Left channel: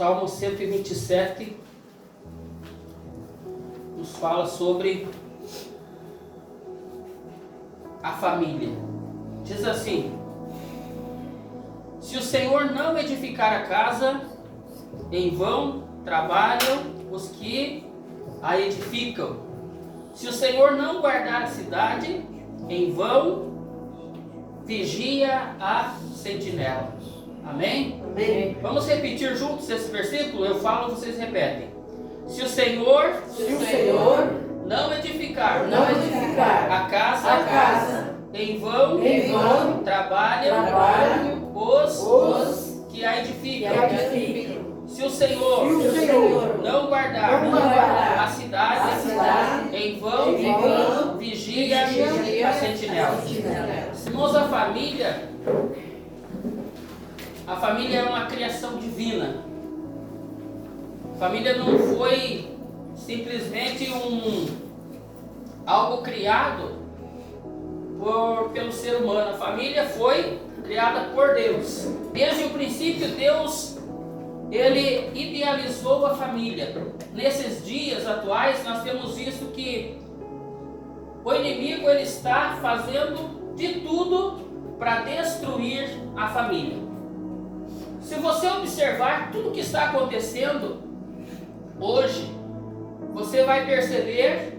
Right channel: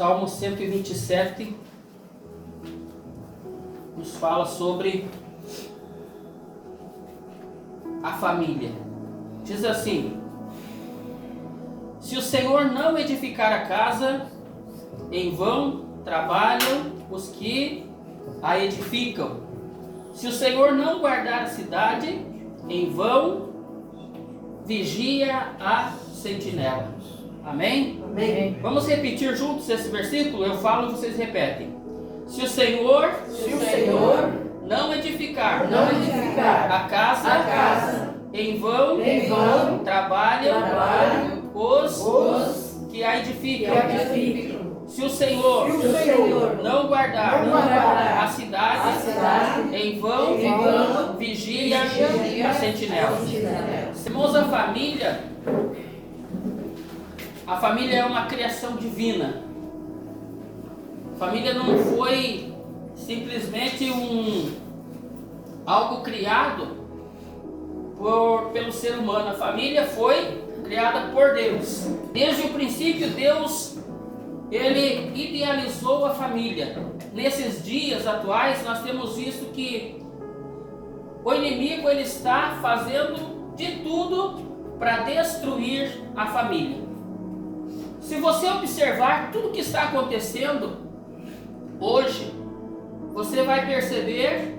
Salmo 127 nos fala sobre a família. Diz assim: se o Senhor não edificar a casa, em vão trabalham os que a edificam. Se o Senhor não guardar a cidade, em vão vigia a sentinela. Amém? Amém. Vamos repetir juntos esse versículo? Eu falo e vocês repetem. Se o Senhor não edificar a casa, em vão trabalham os que a edificam. Se o Senhor não guardar a cidade, em vão vigia a sentinela. Irmãos, a família é uma criação divina. A família não foi simplesmente algo criado pelo ser humano. A família foi criada por Deus. Desde o princípio, Deus ele idealizou a família. Nesses dias atuais, nós temos visto que o inimigo ele está fazendo de tudo para destruir a família. Se você observar tudo que está acontecendo hoje, você vai perceber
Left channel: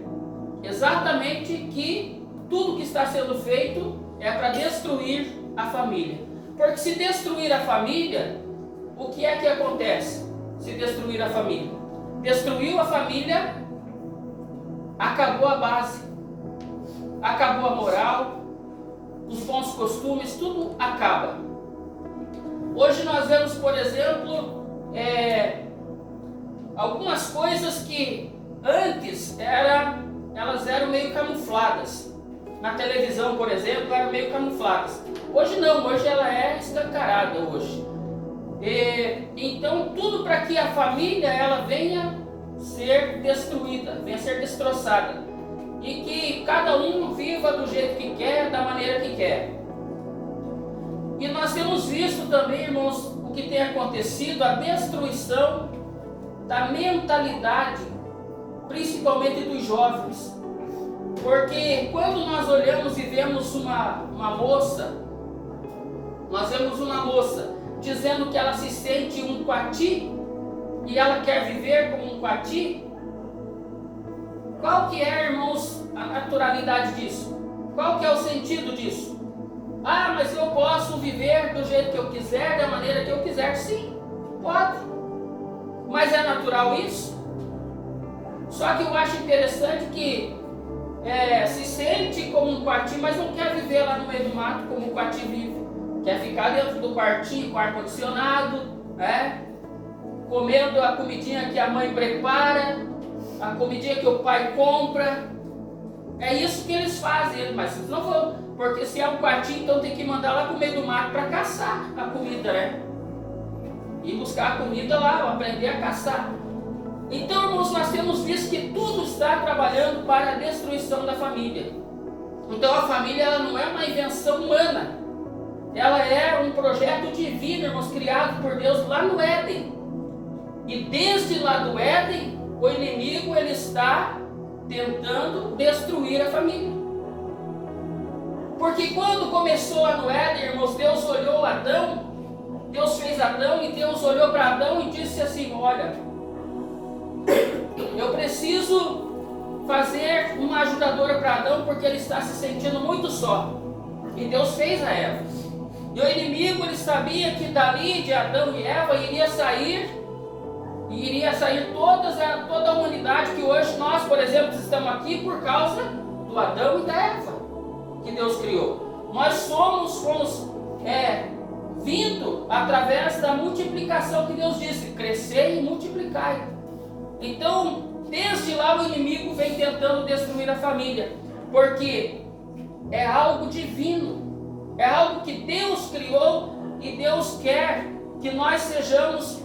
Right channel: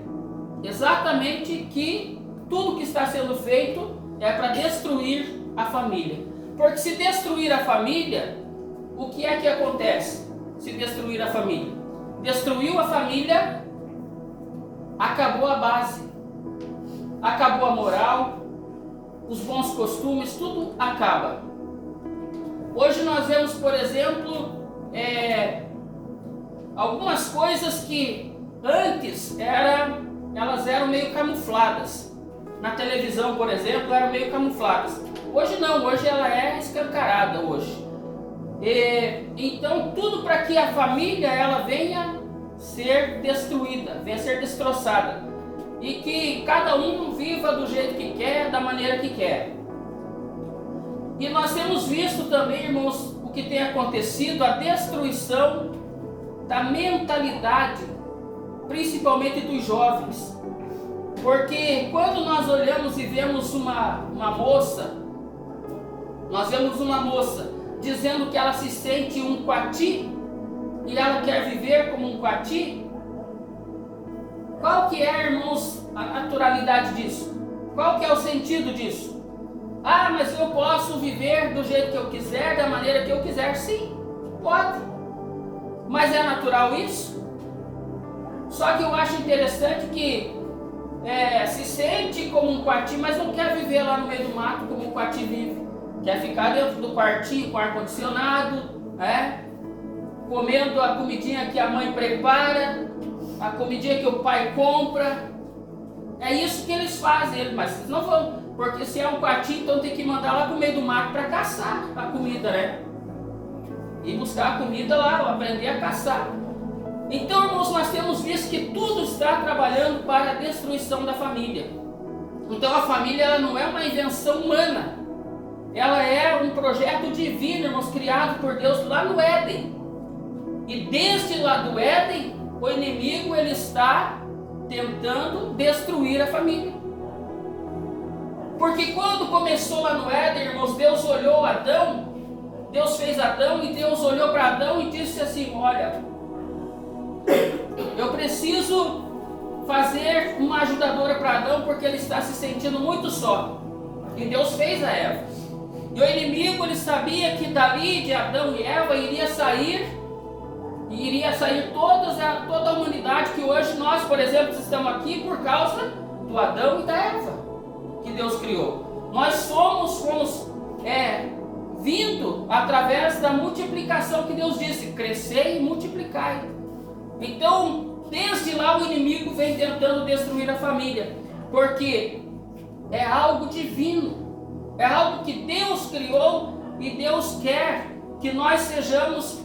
exatamente que tudo que está sendo feito é para destruir a família. Porque se destruir a família, o que é que acontece? Se destruir a família? Destruiu a família, acabou a base, acabou a moral, os bons costumes, tudo acaba. Hoje nós vemos, por exemplo, algumas coisas que antes elas eram meio camufladas. Na televisão, por exemplo, eram meio camufladas. Hoje não, hoje ela é escancarada hoje. Então tudo para que a família ela venha ser destruída, venha ser destroçada. E que cada um viva do jeito que quer, da maneira que quer. E nós temos visto também, irmãos, o que tem acontecido, a destruição da mentalidade, principalmente dos jovens. Porque quando nós olhamos e vemos uma moça, nós vemos uma moça dizendo que ela se sente um coati e ela quer viver como um coati, qual que é, irmãos, a naturalidade disso? Qual que é o sentido disso? Ah, mas eu posso viver do jeito que eu quiser, da maneira que eu quiser. Sim, pode. Mas é natural isso? Só que eu acho interessante que se sente como um coati, mas não quer viver lá no meio do mato como um coati vive. Quer ficar dentro do quartinho com ar-condicionado, comendo a comidinha que a mãe prepara, a comidinha que o pai compra. É isso que eles fazem, mas não vão, porque se é um quartinho, então tem que mandar lá pro meio do mato para caçar a comida, né? E buscar a comida lá, aprender a caçar. Então, irmãos, nós temos visto que tudo está trabalhando para a destruição da família. Então a família ela não é uma invenção humana. Ela é um projeto divino, irmãos, criado por Deus lá no Éden. E desde lá do Éden, o inimigo ele está tentando destruir a família. Porque quando começou lá no Éden, irmãos, Deus olhou Adão, Deus fez Adão e Deus olhou para Adão e disse assim: olha, eu preciso fazer uma ajudadora para Adão porque ele está se sentindo muito só. E Deus fez a Eva. E o inimigo ele sabia que dali de Adão e Eva iria sair toda a humanidade, que hoje nós, por exemplo, estamos aqui por causa do Adão e da Eva que Deus criou. Nós fomos vindo através da multiplicação que Deus disse: crescei e multiplicai. Então, desde lá o inimigo vem tentando destruir a família, porque é algo divino, é algo que Deus criou e Deus quer que nós sejamos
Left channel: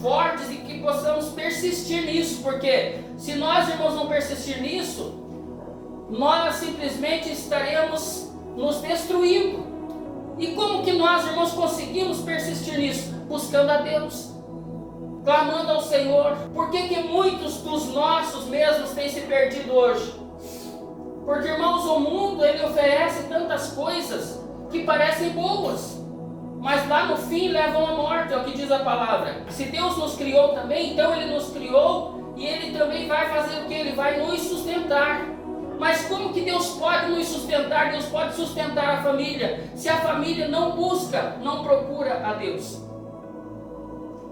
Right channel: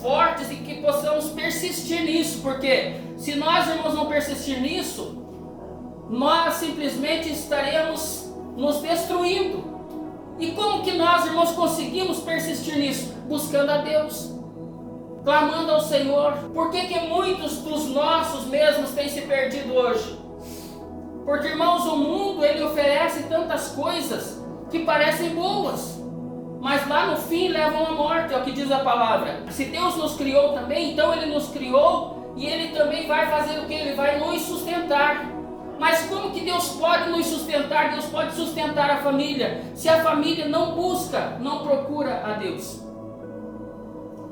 fortes e que possamos persistir nisso, porque se nós, irmãos, não persistir nisso, nós simplesmente estaremos nos destruindo. E como que nós, irmãos, conseguimos persistir nisso? Buscando a Deus, clamando ao Senhor. Por que que muitos dos nossos mesmos têm se perdido hoje? Porque, irmãos, o mundo, ele oferece tantas coisas que parecem boas, mas lá no fim levam à morte, é o que diz a palavra. Se Deus nos criou também, então Ele nos criou e Ele também vai fazer o que? Ele vai nos sustentar. Mas como que Deus pode nos sustentar? Deus pode sustentar a família, se a família não busca, não procura a Deus.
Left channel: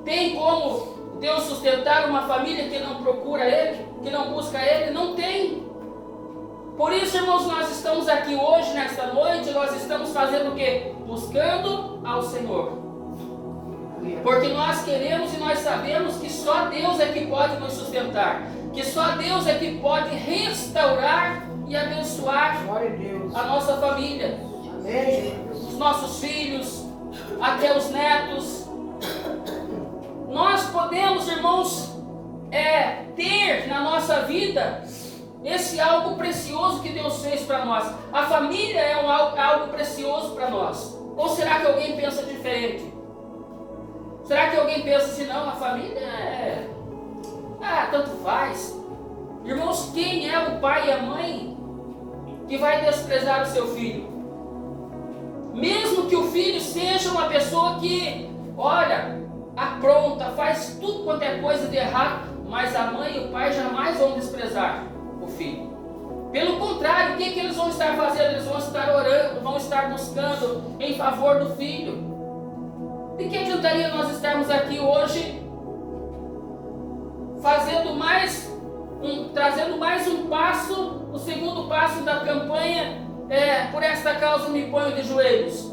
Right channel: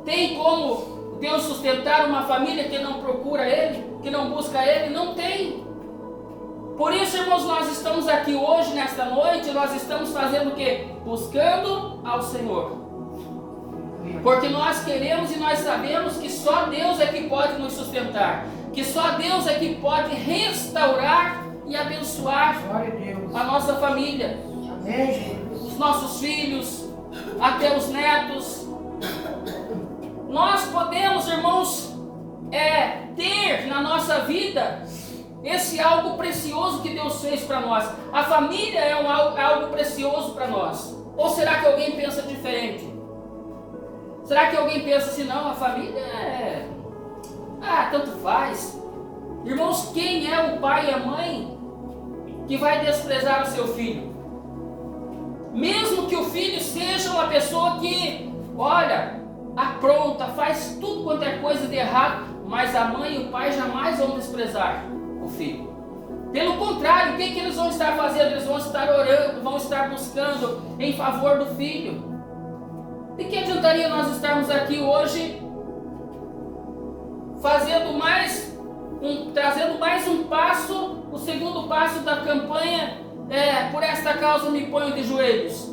Tem como Deus sustentar uma família que não procura Ele, que não busca Ele? Não tem. Por isso, irmãos, nós estamos aqui hoje, nesta noite, nós estamos fazendo o quê? Buscando ao Senhor. Porque nós queremos e nós sabemos que só Deus é que pode nos sustentar. Que só Deus é que pode restaurar e abençoar a nossa família. Os nossos filhos, até os netos. Nós podemos, irmãos, ter na nossa vida esse algo precioso que Deus fez para nós. A família é algo precioso para nós. Ou será que alguém pensa diferente? Será que alguém pensa assim, não, a família tanto faz. Irmãos, quem é o pai e a mãe que vai desprezar o seu filho? Mesmo que o filho seja uma pessoa que, olha, apronta, faz tudo quanto é coisa de errado, mas a mãe e o pai jamais vão desprezar o filho. Pelo contrário, o que eles vão estar fazendo? Eles vão estar orando, vão estar buscando em favor do filho. De que adiantaria nós estarmos aqui hoje trazendo mais um passo, o segundo passo da campanha, por esta causa me ponho de joelhos?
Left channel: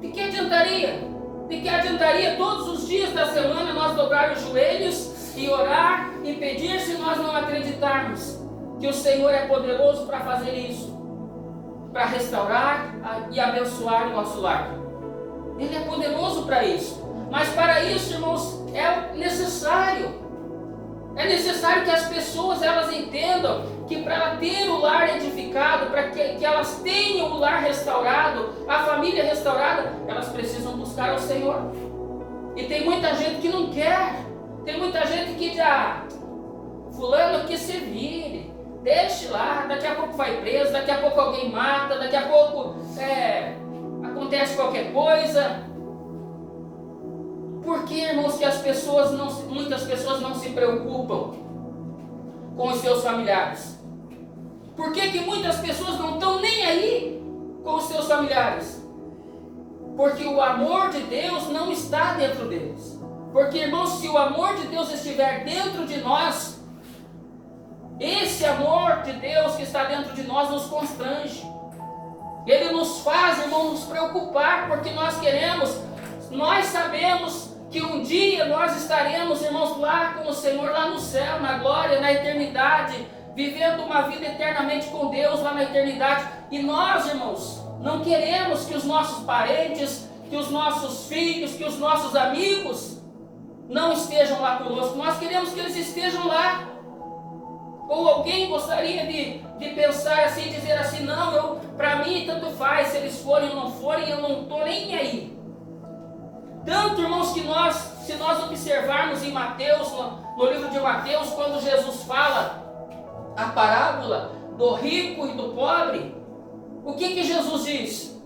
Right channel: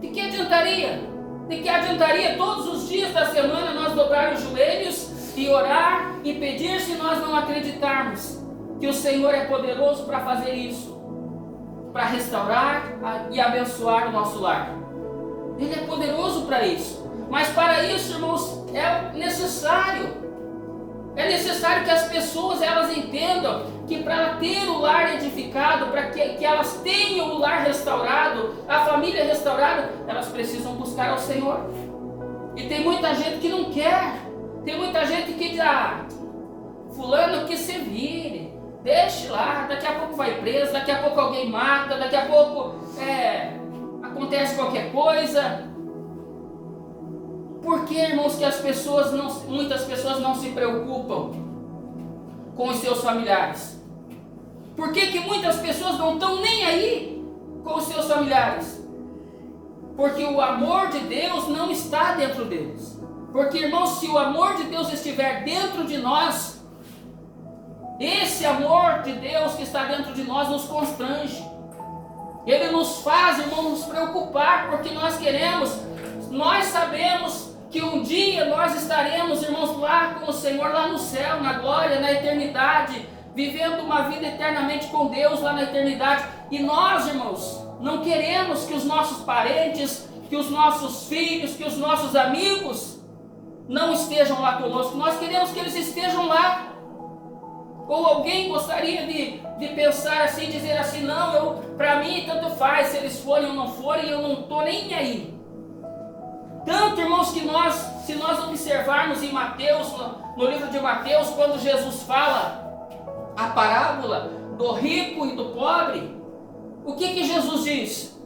De que adiantaria? De que adiantaria todos os dias da semana nós dobrar os joelhos e orar e pedir, se nós não acreditarmos que o Senhor é poderoso para fazer isso, para restaurar e abençoar o nosso lar? Ele é poderoso para isso. Mas para isso, irmãos, é necessário que as pessoas elas entendam que para ela ter o lar edificado, para que elas tenham o lar restaurado, a família restaurada, elas precisam buscar ao Senhor. E tem muita gente que não quer. Tem muita gente que diz, fulano que se vire, deixe lá, daqui a pouco vai preso, daqui a pouco alguém mata, daqui a pouco acontece qualquer coisa. Por que, irmãos, que muitas pessoas não se preocupam com os seus familiares? Por que muitas pessoas não estão nem aí com os seus familiares? Porque o amor de Deus não está dentro deles. Porque, irmãos, se o amor de Deus estiver dentro de nós, esse amor de Deus que está dentro de nós nos constrange. Ele nos faz, irmãos, nos preocupar, porque nós sabemos que um dia nós estaremos, irmãos, lá com o Senhor, lá no céu, na glória, na eternidade, vivendo uma vida eternamente com Deus lá na eternidade. E nós, irmãos, não queremos que os nossos parentes, que os nossos filhos, que os nossos amigos não estejam lá conosco. Nós queremos que eles estejam lá. Ou alguém gostaria de pensar assim, dizer assim, não, para mim tanto faz, se eles forem ou não forem, eu não estou nem aí. Tanto, irmãos, que se nós observarmos em Mateus, no livro de Mateus, quando Jesus fala a parábola do rico e do pobre, o que Jesus diz?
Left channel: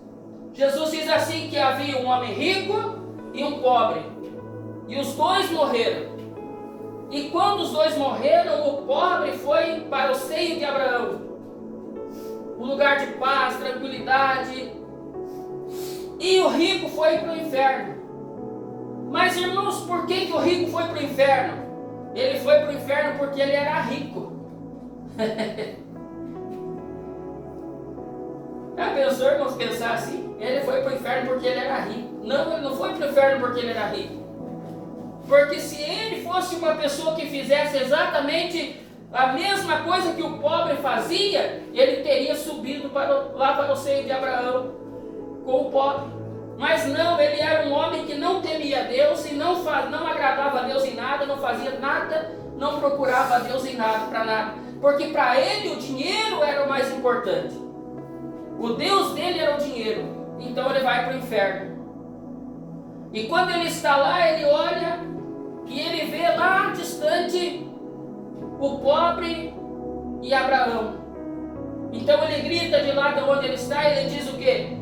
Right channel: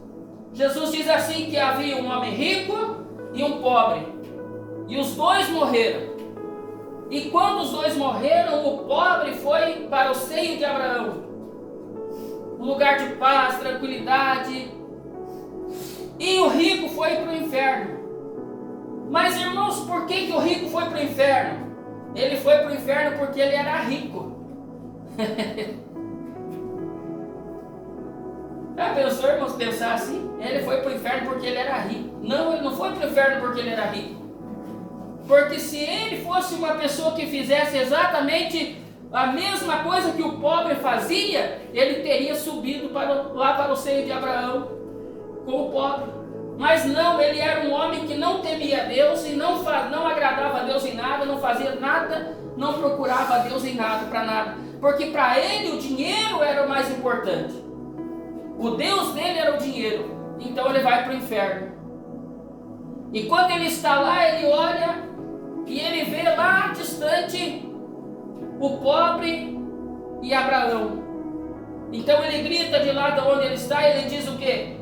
Jesus diz assim, que havia um homem rico e um pobre, e os dois morreram. E quando os dois morreram, o pobre foi para o seio de Abraão, um lugar de paz, tranquilidade, e o rico foi para o inferno. Mas, irmãos, por que o rico foi para o inferno? Ele foi para o inferno porque ele era rico. Já pensou, irmãos, pensar assim? Ele foi para o inferno porque ele era rico. Não, ele não foi para o inferno porque ele era rico. Porque se ele fosse uma pessoa que fizesse exatamente a mesma coisa que o pobre fazia, ele teria subido lá para o seio de Abraão com o pobre. Mas não, ele era um homem que não temia Deus e não agradava a Deus em nada, não fazia nada, não procurava a Deus em nada, para nada. Porque para ele o dinheiro era o mais importante. O Deus dele era o dinheiro. então ele vai para o inferno. E quando ele está lá, ele olha e ele vê lá distante o pobre e Abraão. Então ele grita de lá de onde ele está, e ele diz o quê?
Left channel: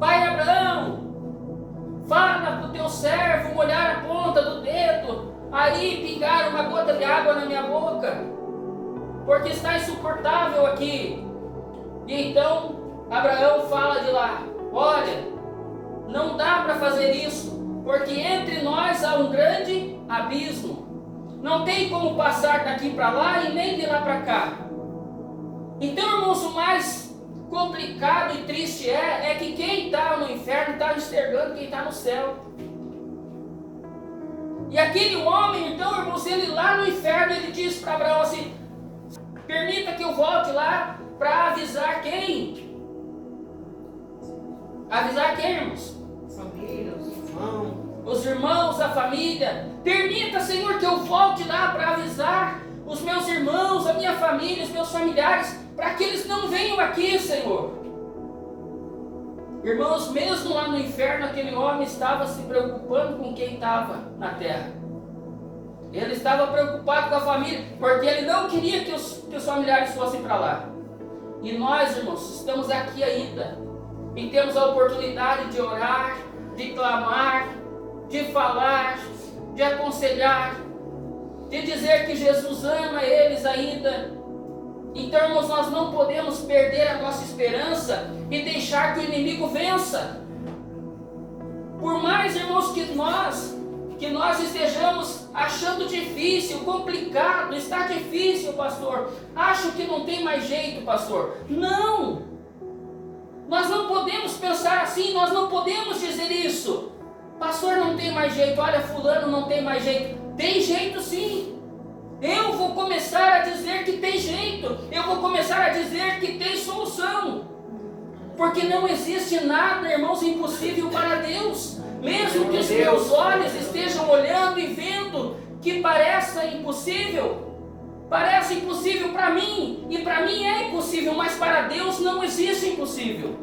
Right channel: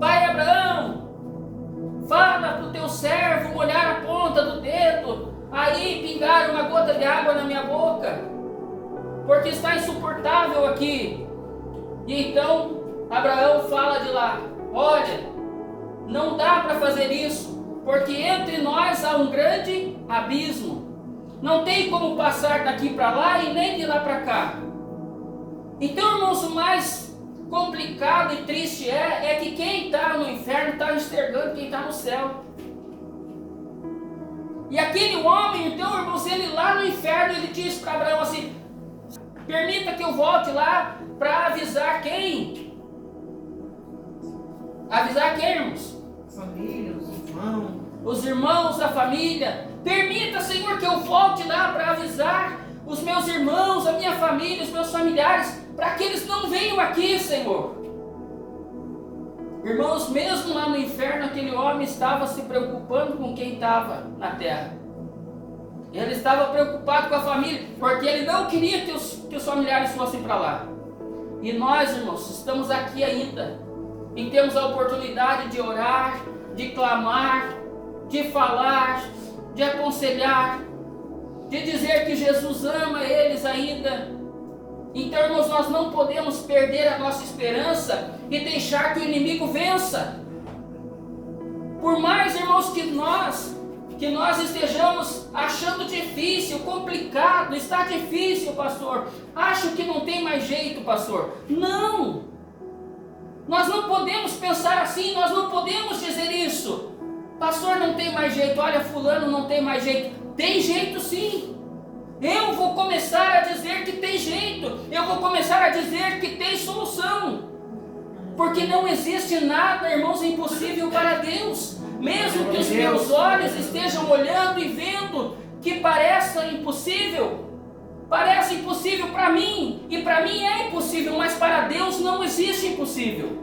Pai Abraão, fala para o teu servo molhar a ponta do dedo, aí pingar uma gota de água na minha boca, porque está insuportável aqui. E então Abraão fala de lá: olha, não dá para fazer isso, porque entre nós há um grande abismo. Não tem como passar daqui para lá e nem de lá para cá. Então, irmãos, o mais complicado e triste é que quem está no inferno está enxergando quem está no céu. E aquele homem, então, irmãos, ele lá no inferno, ele diz para Abraão assim: permita que eu volte lá para avisar quem? Avisar quem, irmãos? Família, os irmãos. Os irmãos, a família. Permita, Senhor, que eu volte lá para avisar os meus irmãos, a minha família, os meus familiares, para que eles não venham aqui, Senhor. Irmãos, mesmo lá no inferno, aquele homem estava se preocupando com quem estava na terra. Ele estava preocupado com a família, porque ele não queria que os familiares fossem para lá. E nós, irmãos, estamos aqui ainda, e temos a oportunidade de orar, de clamar, de falar, de aconselhar, de dizer que Jesus ama eles ainda. Então, irmãos, nós não podemos perder a nossa esperança e deixar que o inimigo vença. Por mais, irmãos, que nós estejamos achando difícil, complicado, está difícil, pastor, acho que não tem mais jeito, pastor. Não! Nós não podemos pensar assim, nós não podemos dizer isso. Pastor, não tem mais jeito, olha, fulano não tem mais jeito. Tem jeito sim. Eu vou começar a dizer que tem jeito. Eu vou começar a dizer que tem solução. Porque não existe nada, irmãos, impossível para Deus. Mesmo que os meus olhos estejam olhando e vendo que parece impossível para mim, e para mim é impossível, mas para Deus não existe impossível.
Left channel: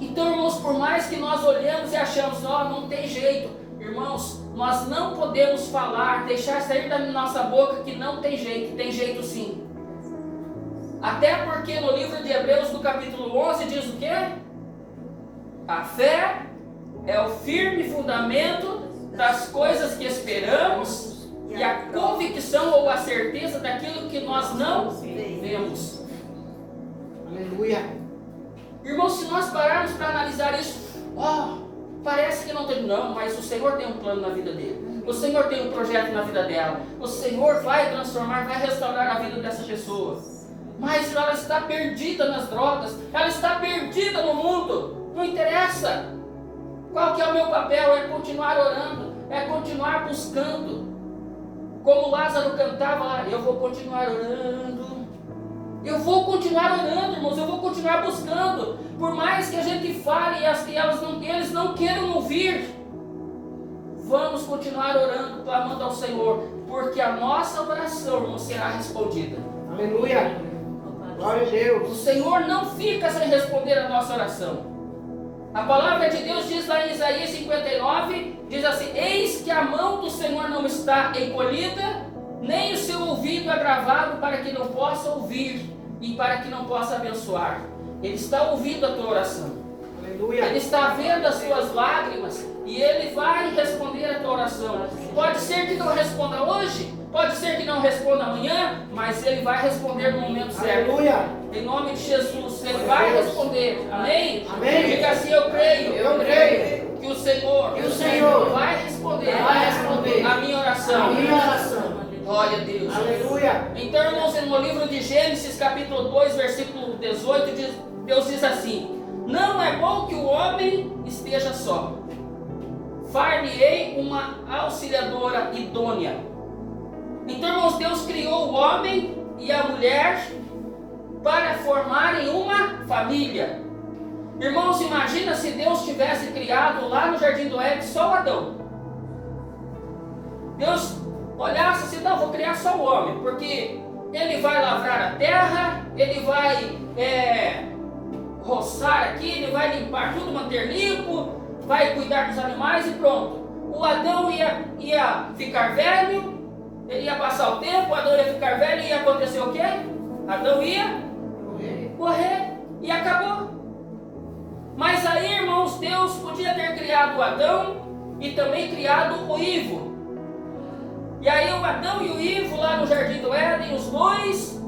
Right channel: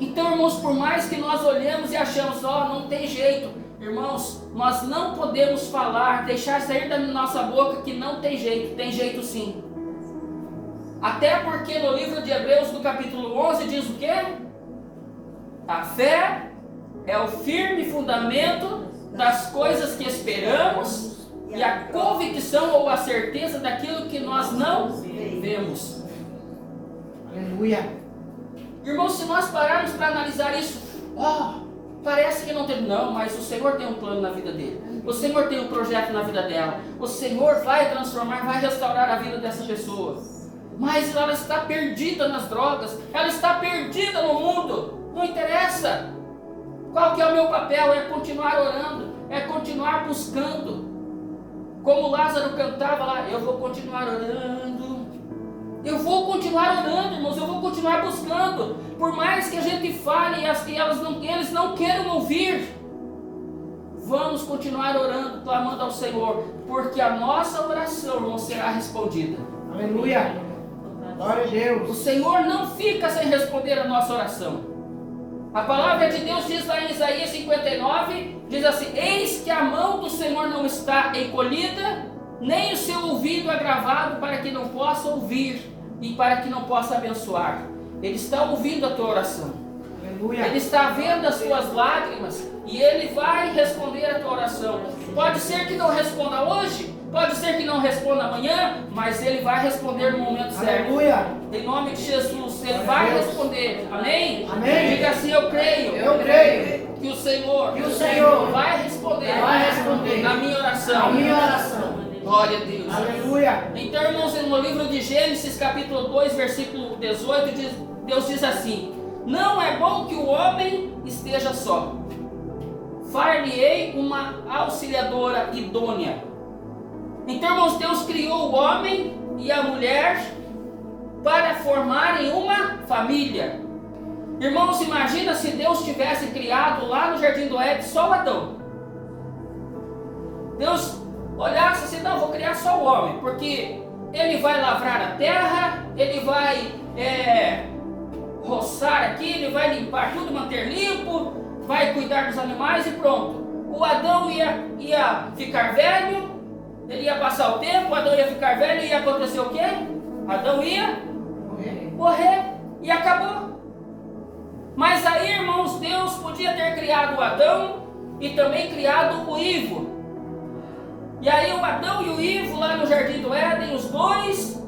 Então, irmãos, por mais que nós olhamos e achamos, não tem jeito, irmãos, nós não podemos falar, deixar sair da nossa boca que não tem jeito sim. Até porque no livro de Hebreus, no capítulo 11, diz o quê? A fé é o firme fundamento das coisas que esperamos e a convicção ou a certeza daquilo que nós não vemos. Aleluia. Irmãos, se nós pararmos para analisar isso, parece que não tem. Não, mas o Senhor tem um plano na vida dele. O Senhor tem um projeto na vida dela. O Senhor vai transformar, vai restaurar a vida dessa pessoa. Mas ela está perdida nas drogas, ela está perdida no mundo. Não interessa. Qual que é o meu papel? É continuar orando, é continuar buscando. Como Lázaro cantava lá, eu vou continuar orando. Eu vou continuar orando, irmãos, eu vou continuar buscando. Por mais que a gente fale e eles não queiram ouvir, vamos continuar orando, clamando ao Senhor, porque a nossa oração, irmão, será respondida. Aleluia. Glória a Deus. O Senhor não fica sem responder a nossa oração. A palavra de Deus diz lá em Isaías 59, diz assim: eis que a mão do Senhor não está encolhida, nem o seu ouvido agravado para que não possa ouvir e para que não possa abençoar. Ele está ouvindo a tua oração. Aleluia. Ele está vendo as tuas lágrimas e Ele vai responder a tua oração. Pode ser que não responda hoje, pode ser que não responda amanhã, mas Ele vai responder no momento certo. Aleluia. Em nome de Jesus, Ele vai responder. Amém? Amém. Diga assim: eu creio. Eu creio. Que o Senhor vai responder a minha oração. A minha oração. Glória a Deus. Aleluia. Então, irmãos, no livro de Gênesis, capítulo 2, versículo 18, Deus diz assim: não é bom que o homem esteja só. Far-lhe-ei uma auxiliadora idônea. Então, irmãos, Deus criou o homem e a mulher para formarem uma família. Irmãos, imagina se Deus tivesse criado lá no Jardim do Éden só o Adão. Deus olhasse assim: não, vou criar só o homem, porque ele vai lavrar a terra, ele vai roçar aqui, ele vai limpar tudo, manter limpo, vai cuidar dos animais e pronto. O Adão ia ficar velho, ele ia passar o tempo, o Adão ia ficar velho e ia acontecer o quê? Adão ia morrer e acabou. Mas aí, irmãos, Deus podia ter criado o Adão e também criado o Ivo. E aí o Adão e o Ivo lá no Jardim do Éden, os dois,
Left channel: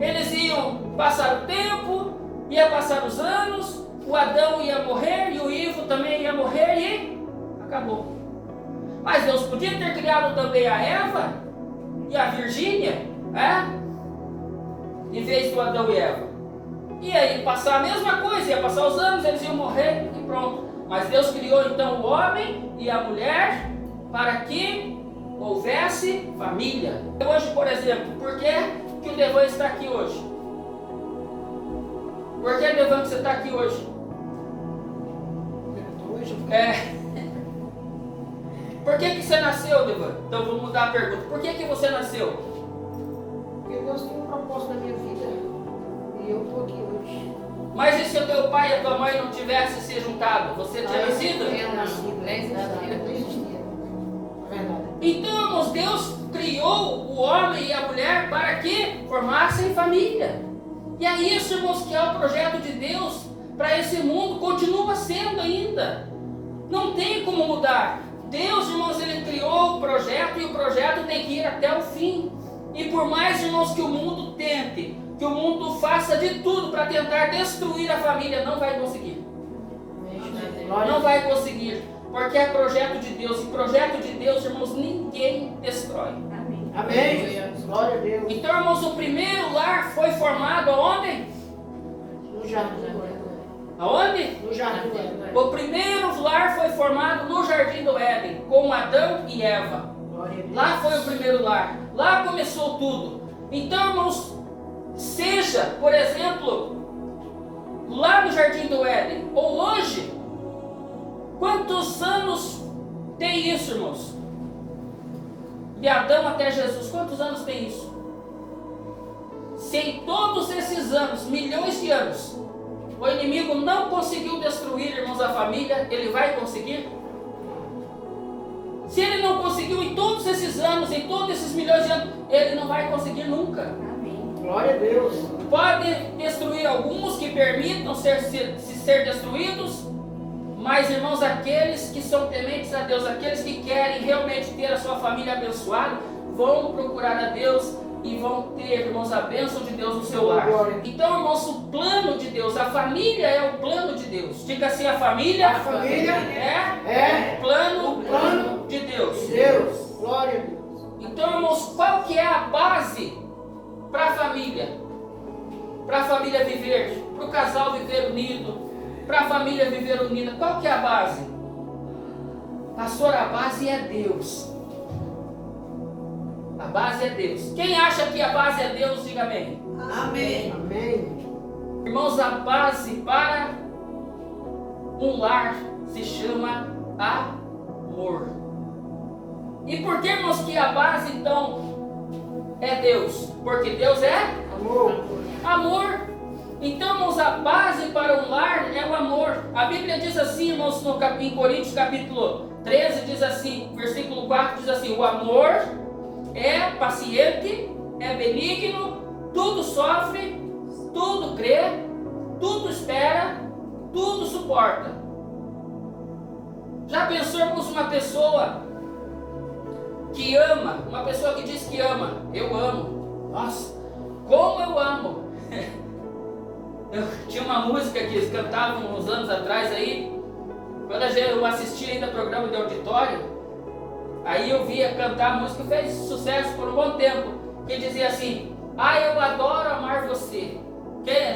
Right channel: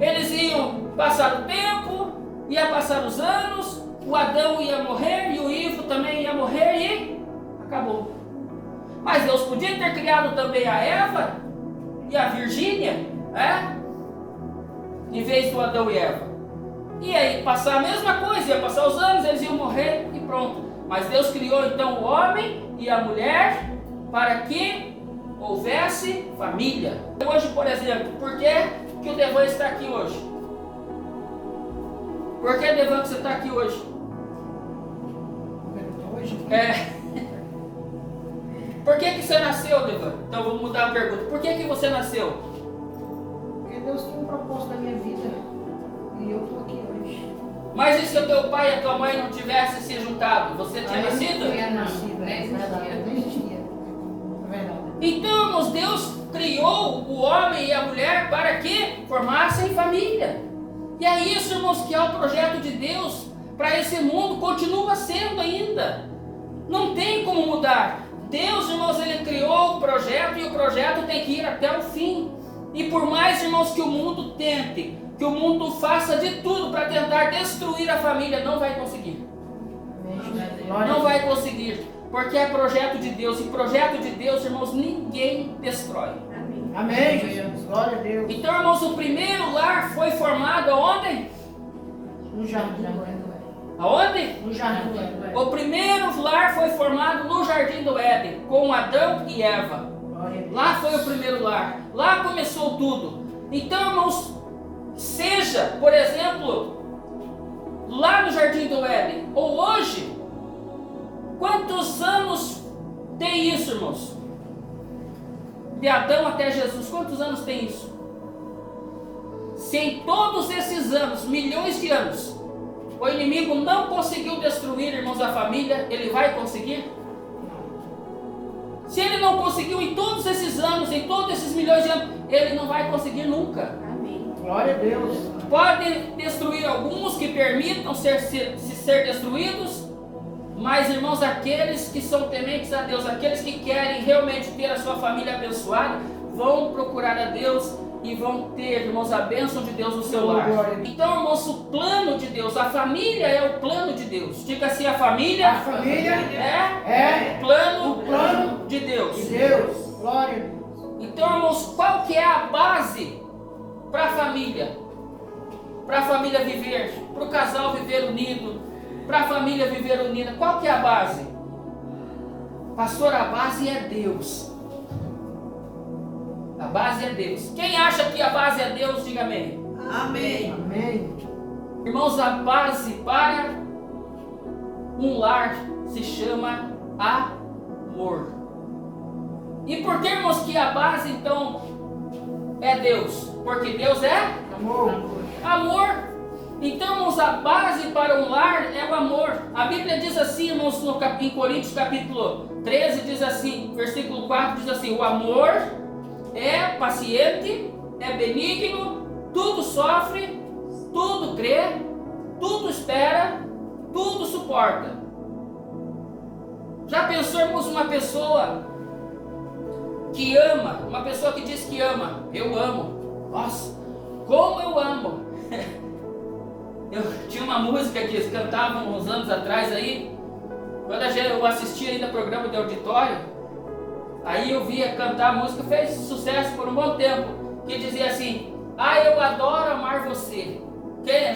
eles iam passar o tempo, ia passar os anos, o Adão ia morrer e o Ivo também ia morrer e acabou. Mas Deus podia ter criado também a Eva e a Virgínia, em vez do Adão e Eva. E aí passar a mesma coisa, ia passar os anos, eles iam morrer e pronto. Mas Deus criou então o homem e a mulher para que houvesse família. Hoje, por exemplo, por que o Devan está aqui hoje? Por que, Devan, que você está aqui hoje? Por que você nasceu, Devan? Então vou mudar a pergunta. Por que você nasceu? Porque Deus tem um propósito na minha vida. E eu estou aqui hoje. Mas e se o teu pai e a tua mãe não tivessem se juntado? Você tinha nascido? Não existia. É verdade. Então, irmãos, Deus criou o homem e a mulher para que formassem família. E é isso, irmãos, que é o projeto de Deus para esse mundo, continua sendo ainda. Não tem como mudar. Deus, irmãos, ele criou o projeto e o projeto tem que ir até o fim. E por mais, irmãos, que o mundo tente, que o mundo faça de tudo para tentar destruir a família, não vai conseguir. Não vai conseguir, porque é projeto de Deus. E projeto de Deus, irmãos, ninguém destrói. Amém. Glória a Deus. Então, irmãos, o primeiro lar foi formado aonde? No jardim. Aonde? No jardim. O primeiro lar foi formado no Jardim do Éden, com Adão e Eva. Lá foi o primeiro lar. Lá começou tudo. Então, irmãos, seja, por exemplo, lá no Jardim do Éden, ou hoje, quantos anos tem isso, irmãos? De Adão até Jesus, quantos anos tem isso? Se em todos esses anos, milhões de anos, o inimigo não conseguiu destruir, irmãos, a família, ele vai conseguir? Se ele não conseguiu em todos esses anos, em todos esses milhões de anos, ele não vai conseguir nunca. Amém. Glória a Deus. Pode destruir alguns que permitam ser destruídos, mas, irmãos, aqueles que são tementes a Deus, aqueles que querem realmente ter a sua família abençoada, vão procurar a Deus e vão ter, irmãos, a bênção de Deus no seu lar. Então, irmãos, o plano de Deus, a família é o plano de Deus. Diga assim, a família é o plano de Deus. Glória a Deus. Então, irmãos, qual que é a base para a família? Para a família viver, para o casal viver unido, para a família viver unida. Qual que é a base? Pastor, a base é Deus. A base é Deus. Quem acha que a base é Deus, diga amém. Amém. Amém. Irmãos, a base para um lar se chama amor. E por que, irmãos, que a base então é Deus? Porque Deus é amor. Então, irmãos, a base para um lar é o amor. A Bíblia diz assim, irmãos, em Coríntios capítulo 13, diz assim, versículo 4, diz assim: o amor é paciente, é benigno, tudo sofre, tudo crê, tudo espera, tudo suporta. Já pensou, irmãos, uma pessoa que ama, uma pessoa que diz que ama? Eu amo. Nossa, como eu amo. Eu tinha uma música que eles cantavam uns anos atrás aí, quando eu assistia ainda programa de auditório, aí eu via cantar a música, fez sucesso por um bom tempo, que dizia assim: ah, eu adoro amar você.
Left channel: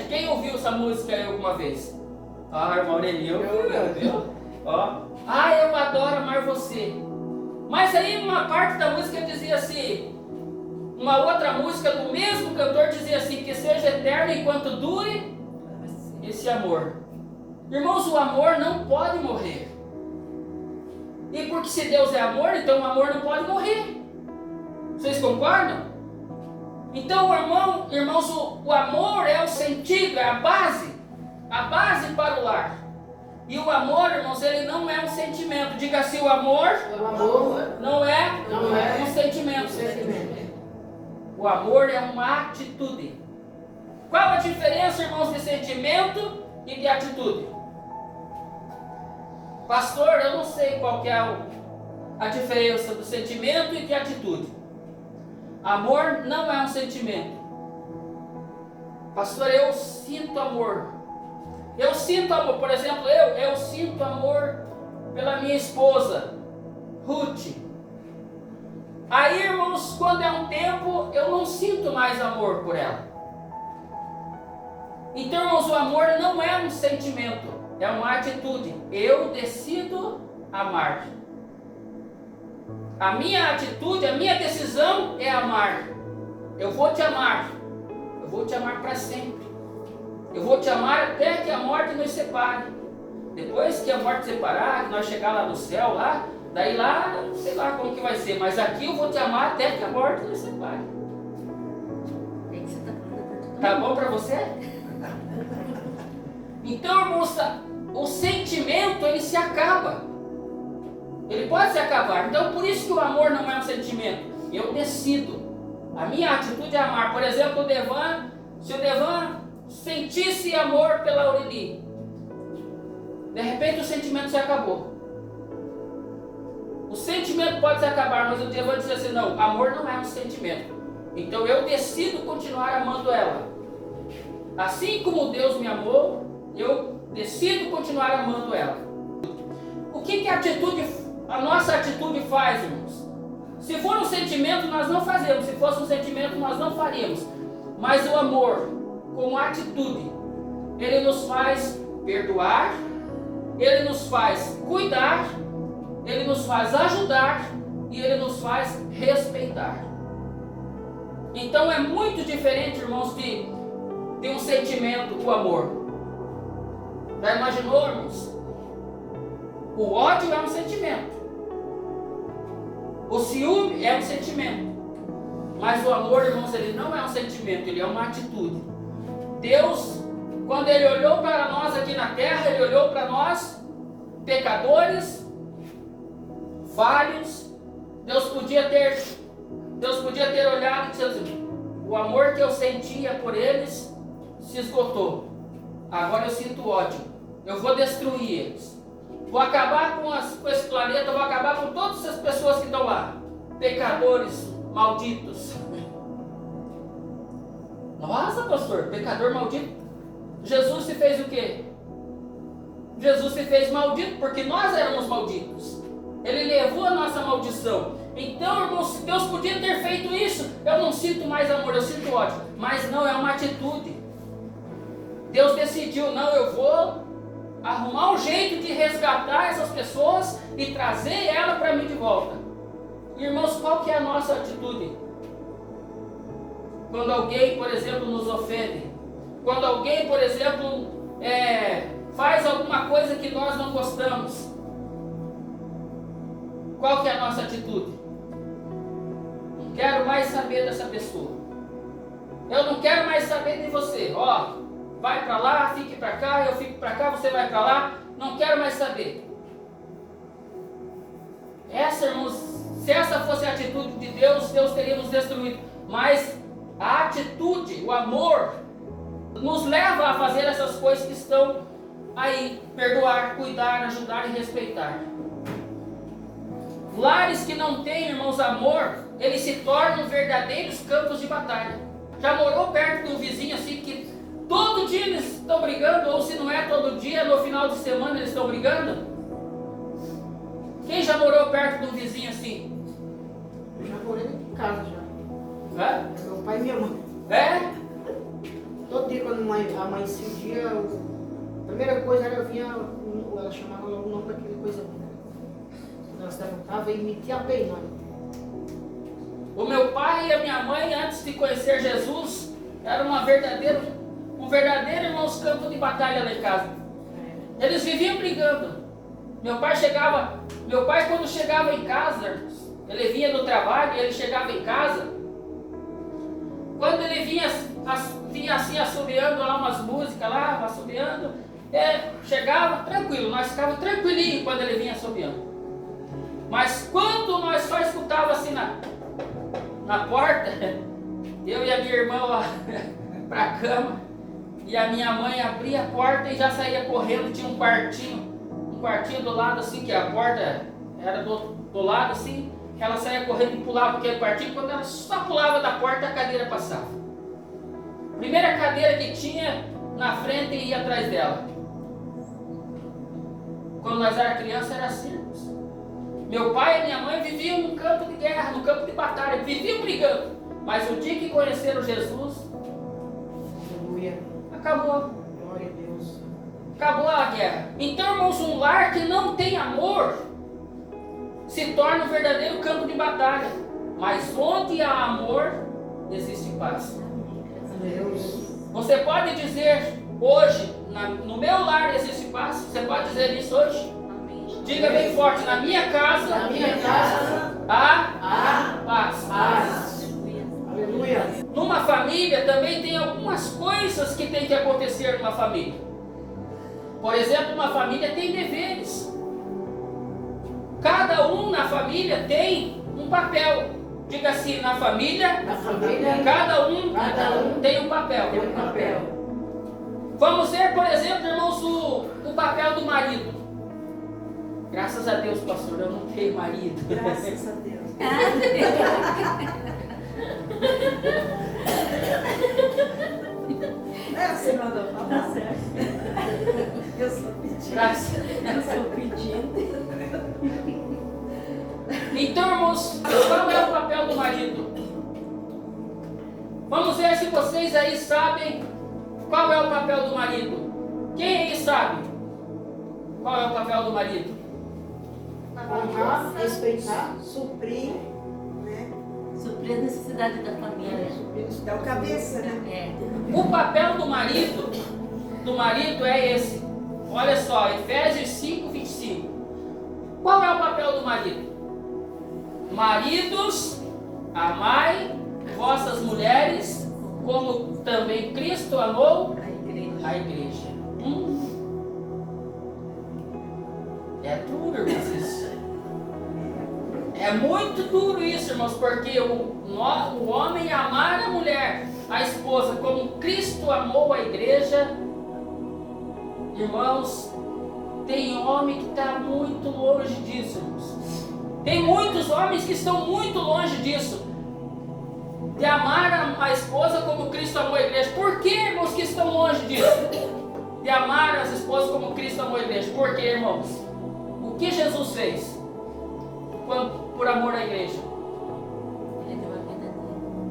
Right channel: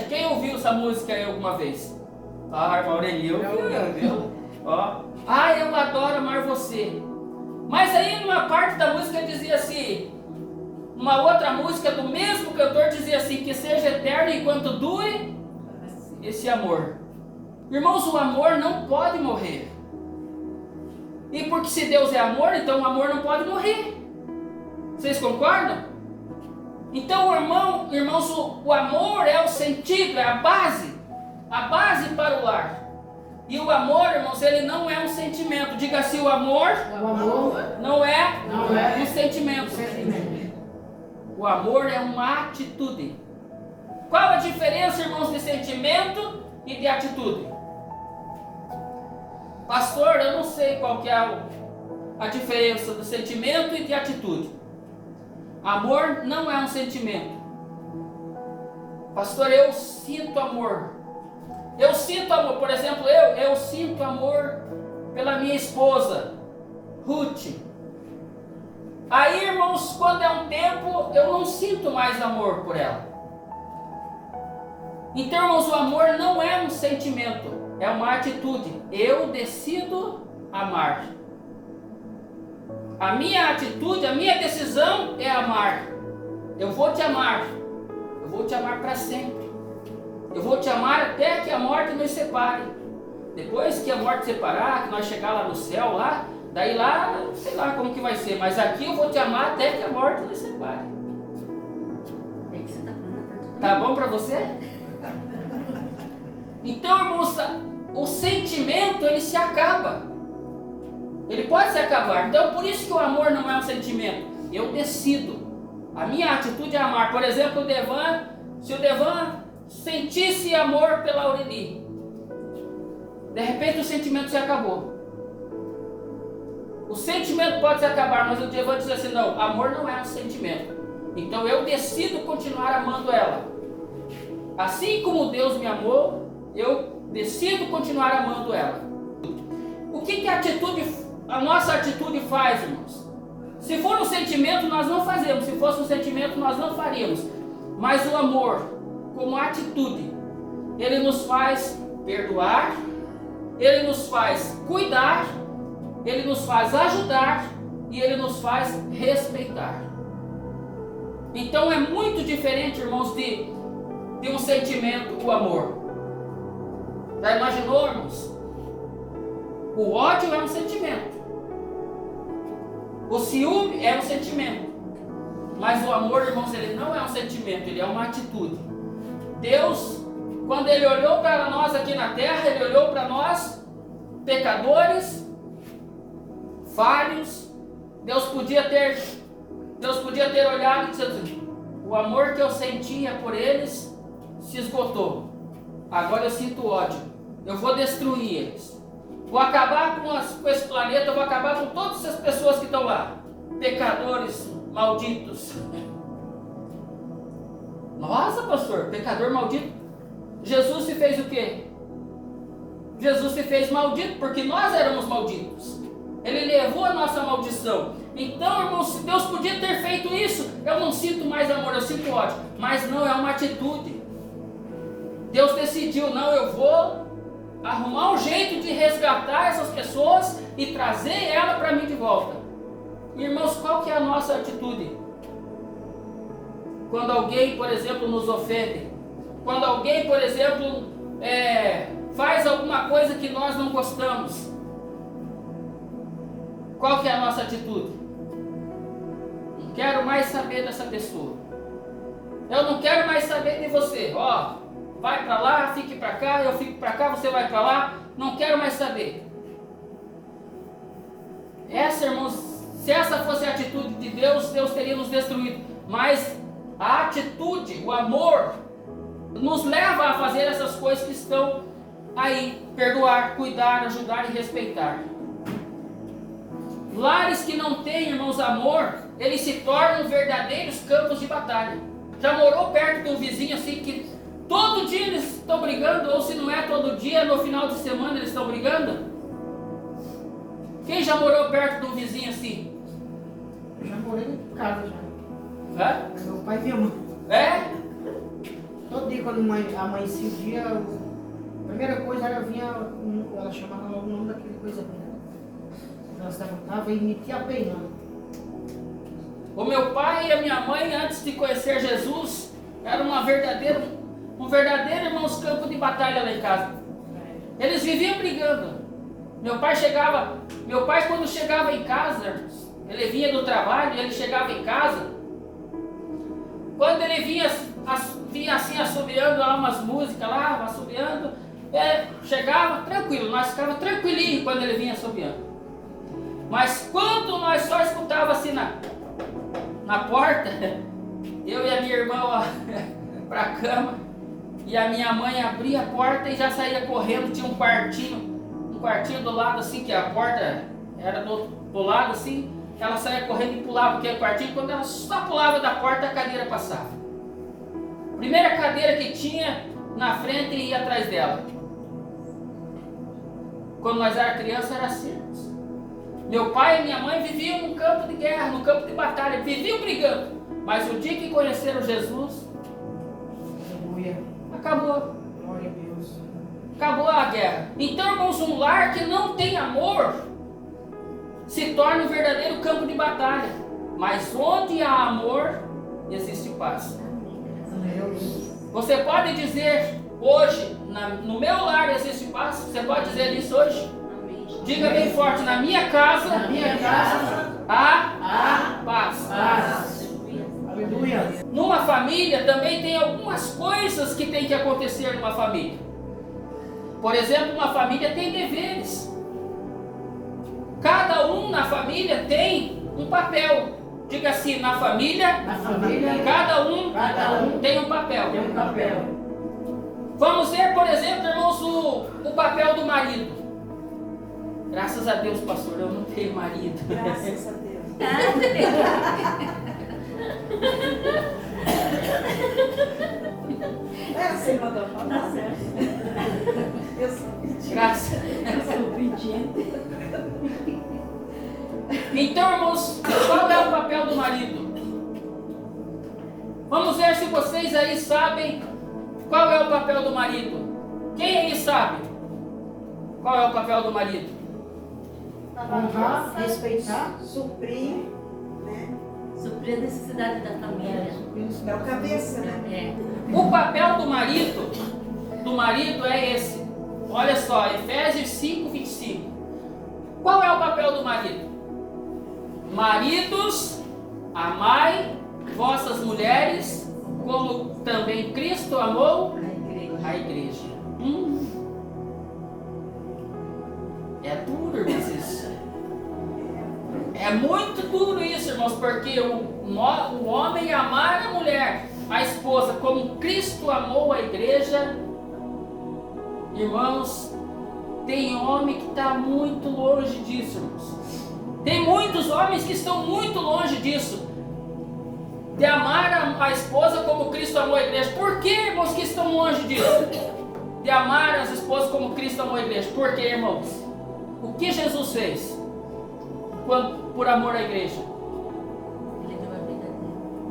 Quem ouviu essa música aí alguma vez? Ah, irmão Aurelio, viu? Ó, ah, eu adoro amar você. Mas aí numa parte da música dizia assim, uma outra música do mesmo cantor dizia assim: que seja eterno enquanto dure esse amor. Irmãos, o amor não pode morrer. E porque se Deus é amor, então o amor não pode morrer. Vocês concordam? Então, irmãos, o amor é o sentido, é a base para o lar. E o amor, irmãos, ele não é um sentimento. Diga assim, o amor não é um sentimento. O amor é uma atitude. Qual a diferença, irmãos, de sentimento e de atitude? Pastor, eu não sei qual que é a diferença do sentimento e de atitude. Amor não é um sentimento. Pastor, eu sinto amor. Eu sinto amor, por exemplo, eu sinto amor pela minha esposa, Ruth. Aí, irmãos, quando é um tempo, eu não sinto mais amor por ela. Então, irmãos, o amor não é um sentimento, é uma atitude. Eu decido amar. A minha atitude, a minha decisão é amar. Eu vou te amar. Eu vou te amar para sempre. Eu vou te amar até que a morte nos separe. Depois que a morte separar, que nós chegar lá no céu, daí lá, sei lá como que vai ser. Mas aqui eu vou te amar até que a morte nos separe. Tá bom para você? Então, irmãos, o sentimento, ele se acaba. Ele pode se acabar. Então, por isso que o amor não é um sentimento. Eu decido. A minha atitude é amar. Por exemplo, se o Devan sentisse amor pela Aureli, de repente o sentimento se acabou. O sentimento pode se acabar, mas o Devan diz assim, não, amor não é um sentimento. Então eu decido continuar amando ela. Assim como Deus me amou, eu decido continuar amando ela. O que a nossa atitude faz, irmãos? Se for um sentimento, nós não fazemos. Se fosse um sentimento, nós não faríamos. Mas o amor, como atitude, ele nos faz perdoar, ele nos faz cuidar, ele nos faz ajudar e ele nos faz respeitar. Então é muito diferente, irmãos, de um sentimento, o amor. Já imaginou, irmãos? O ódio é um sentimento. O ciúme é um sentimento. Mas o amor, irmãos, ele não é um sentimento, ele é uma atitude. Deus, quando ele olhou para nós aqui na terra, ele olhou para nós, pecadores, falhos. Deus podia ter olhado e dito, o amor que eu sentia por eles se esgotou. Agora eu sinto ódio. Eu vou destruir eles. Vou acabar com esse planeta, eu vou acabar com todas essas pessoas que estão lá. Pecadores malditos. Nossa, pastor, pecador maldito. Jesus se fez o quê? Jesus se fez maldito porque nós éramos malditos. Ele levou a nossa maldição. Então, irmãos, se Deus podia ter feito isso, eu não sinto mais amor, eu sinto ódio. Mas não, é uma atitude. Deus decidiu, não, eu vou arrumar um jeito de resgatar essas pessoas e trazer ela para mim de volta. Irmãos, qual que é a nossa atitude? Quando alguém, por exemplo, nos ofende, quando alguém, por exemplo, faz alguma coisa que nós não gostamos, qual que é a nossa atitude? Não quero mais saber dessa pessoa. Eu não quero mais saber de você. Vai para lá, fique para cá, eu fico para cá, você vai para lá. Não quero mais saber. Irmãos, se essa fosse a atitude de Deus, Deus teria nos destruído. Mas a atitude, o amor, nos leva a fazer essas coisas que estão aí. Perdoar, cuidar, ajudar e respeitar. Lares que não têm, irmãos, amor, eles se tornam verdadeiros campos de batalha. Já morou perto de um vizinho assim que todo dia eles estão brigando, ou se não é todo dia, no final de semana eles estão brigando? Quem já morou perto de um vizinho assim? Eu já morei em casa já. É? É meu pai e minha mãe. É? Todo dia quando amanhecia o dia, a primeira coisa era vinha, ela chamava logo o nome daquele coisa ali, né? Ela se levantava e metia a pé em nós. O meu pai e a minha mãe, antes de conhecer Jesus, era um verdadeiro, irmãos, campo de batalha lá em casa. Eles viviam brigando. Meu pai quando chegava em casa, ele vinha do trabalho e ele chegava em casa, Quando ele vinha assim assobiando lá umas músicas lá, assobiando, chegava tranquilo, nós ficávamos tranquilinhos quando ele vinha assobiando. Mas quando nós só escutava assim na porta, eu e a minha irmã lá para a cama, e a minha mãe abria a porta e já saía correndo, tinha um quartinho do lado assim, que a porta era do lado assim, ela saía correndo e pulava aquele quartinho, quando ela só pulava da porta a cadeira passava. Primeira cadeira que tinha na frente e ia atrás dela. Quando nós éramos crianças era assim. Meu pai e minha mãe viviam no campo de guerra, no campo de batalha, viviam brigando. Mas o dia que conheceram Jesus, Aleluia. acabou. Glória a Deus. Acabou a guerra. Então, irmãos, um lar que não tem amor se torna um verdadeiro campo de batalha. Mas onde há amor, existe paz. Deus. Você pode dizer hoje, no meu lar existe paz? Você pode dizer isso hoje? Diga bem forte, na minha casa, há paz. Aleluia. Numa família também tem algumas coisas que tem que acontecer numa família. Por exemplo, uma família tem deveres. Cada um na família tem um papel. Diga assim, na família, cada um tem um papel. Vamos ver, por exemplo, irmãos, o papel do marido. Graças a Deus, pastor, eu não tenho marido. Graças a Deus. Você mandou falar. Tá certo. Eu sou pedinte. Graças. Eu sou pedinte. Então, irmãos, qual é o papel do marido? Vamos ver se vocês aí sabem qual é o papel do marido. Quem aí sabe qual é o papel do marido? Honrar, respeitar, Suprir, né? Suprir a necessidade da família. É o cabeça, né? O papel do marido é esse. Olha só, Efésios 5:25. Qual é o papel do marido? Maridos, amai vossas mulheres, como também Cristo amou a igreja. É duro, irmãos, isso. É muito duro isso, irmãos, porque o homem amar a mulher, a esposa, como Cristo amou a igreja. Irmãos, tem homem que está muito longe disso, irmãos. Tem muitos homens que estão muito longe disso, de amar a esposa como Cristo amou a igreja. Por que, irmãos, que estão longe disso? De amar as esposas como Cristo amou a igreja. Por que, irmãos? O que Jesus fez por amor à igreja? Ele deu a vida dele.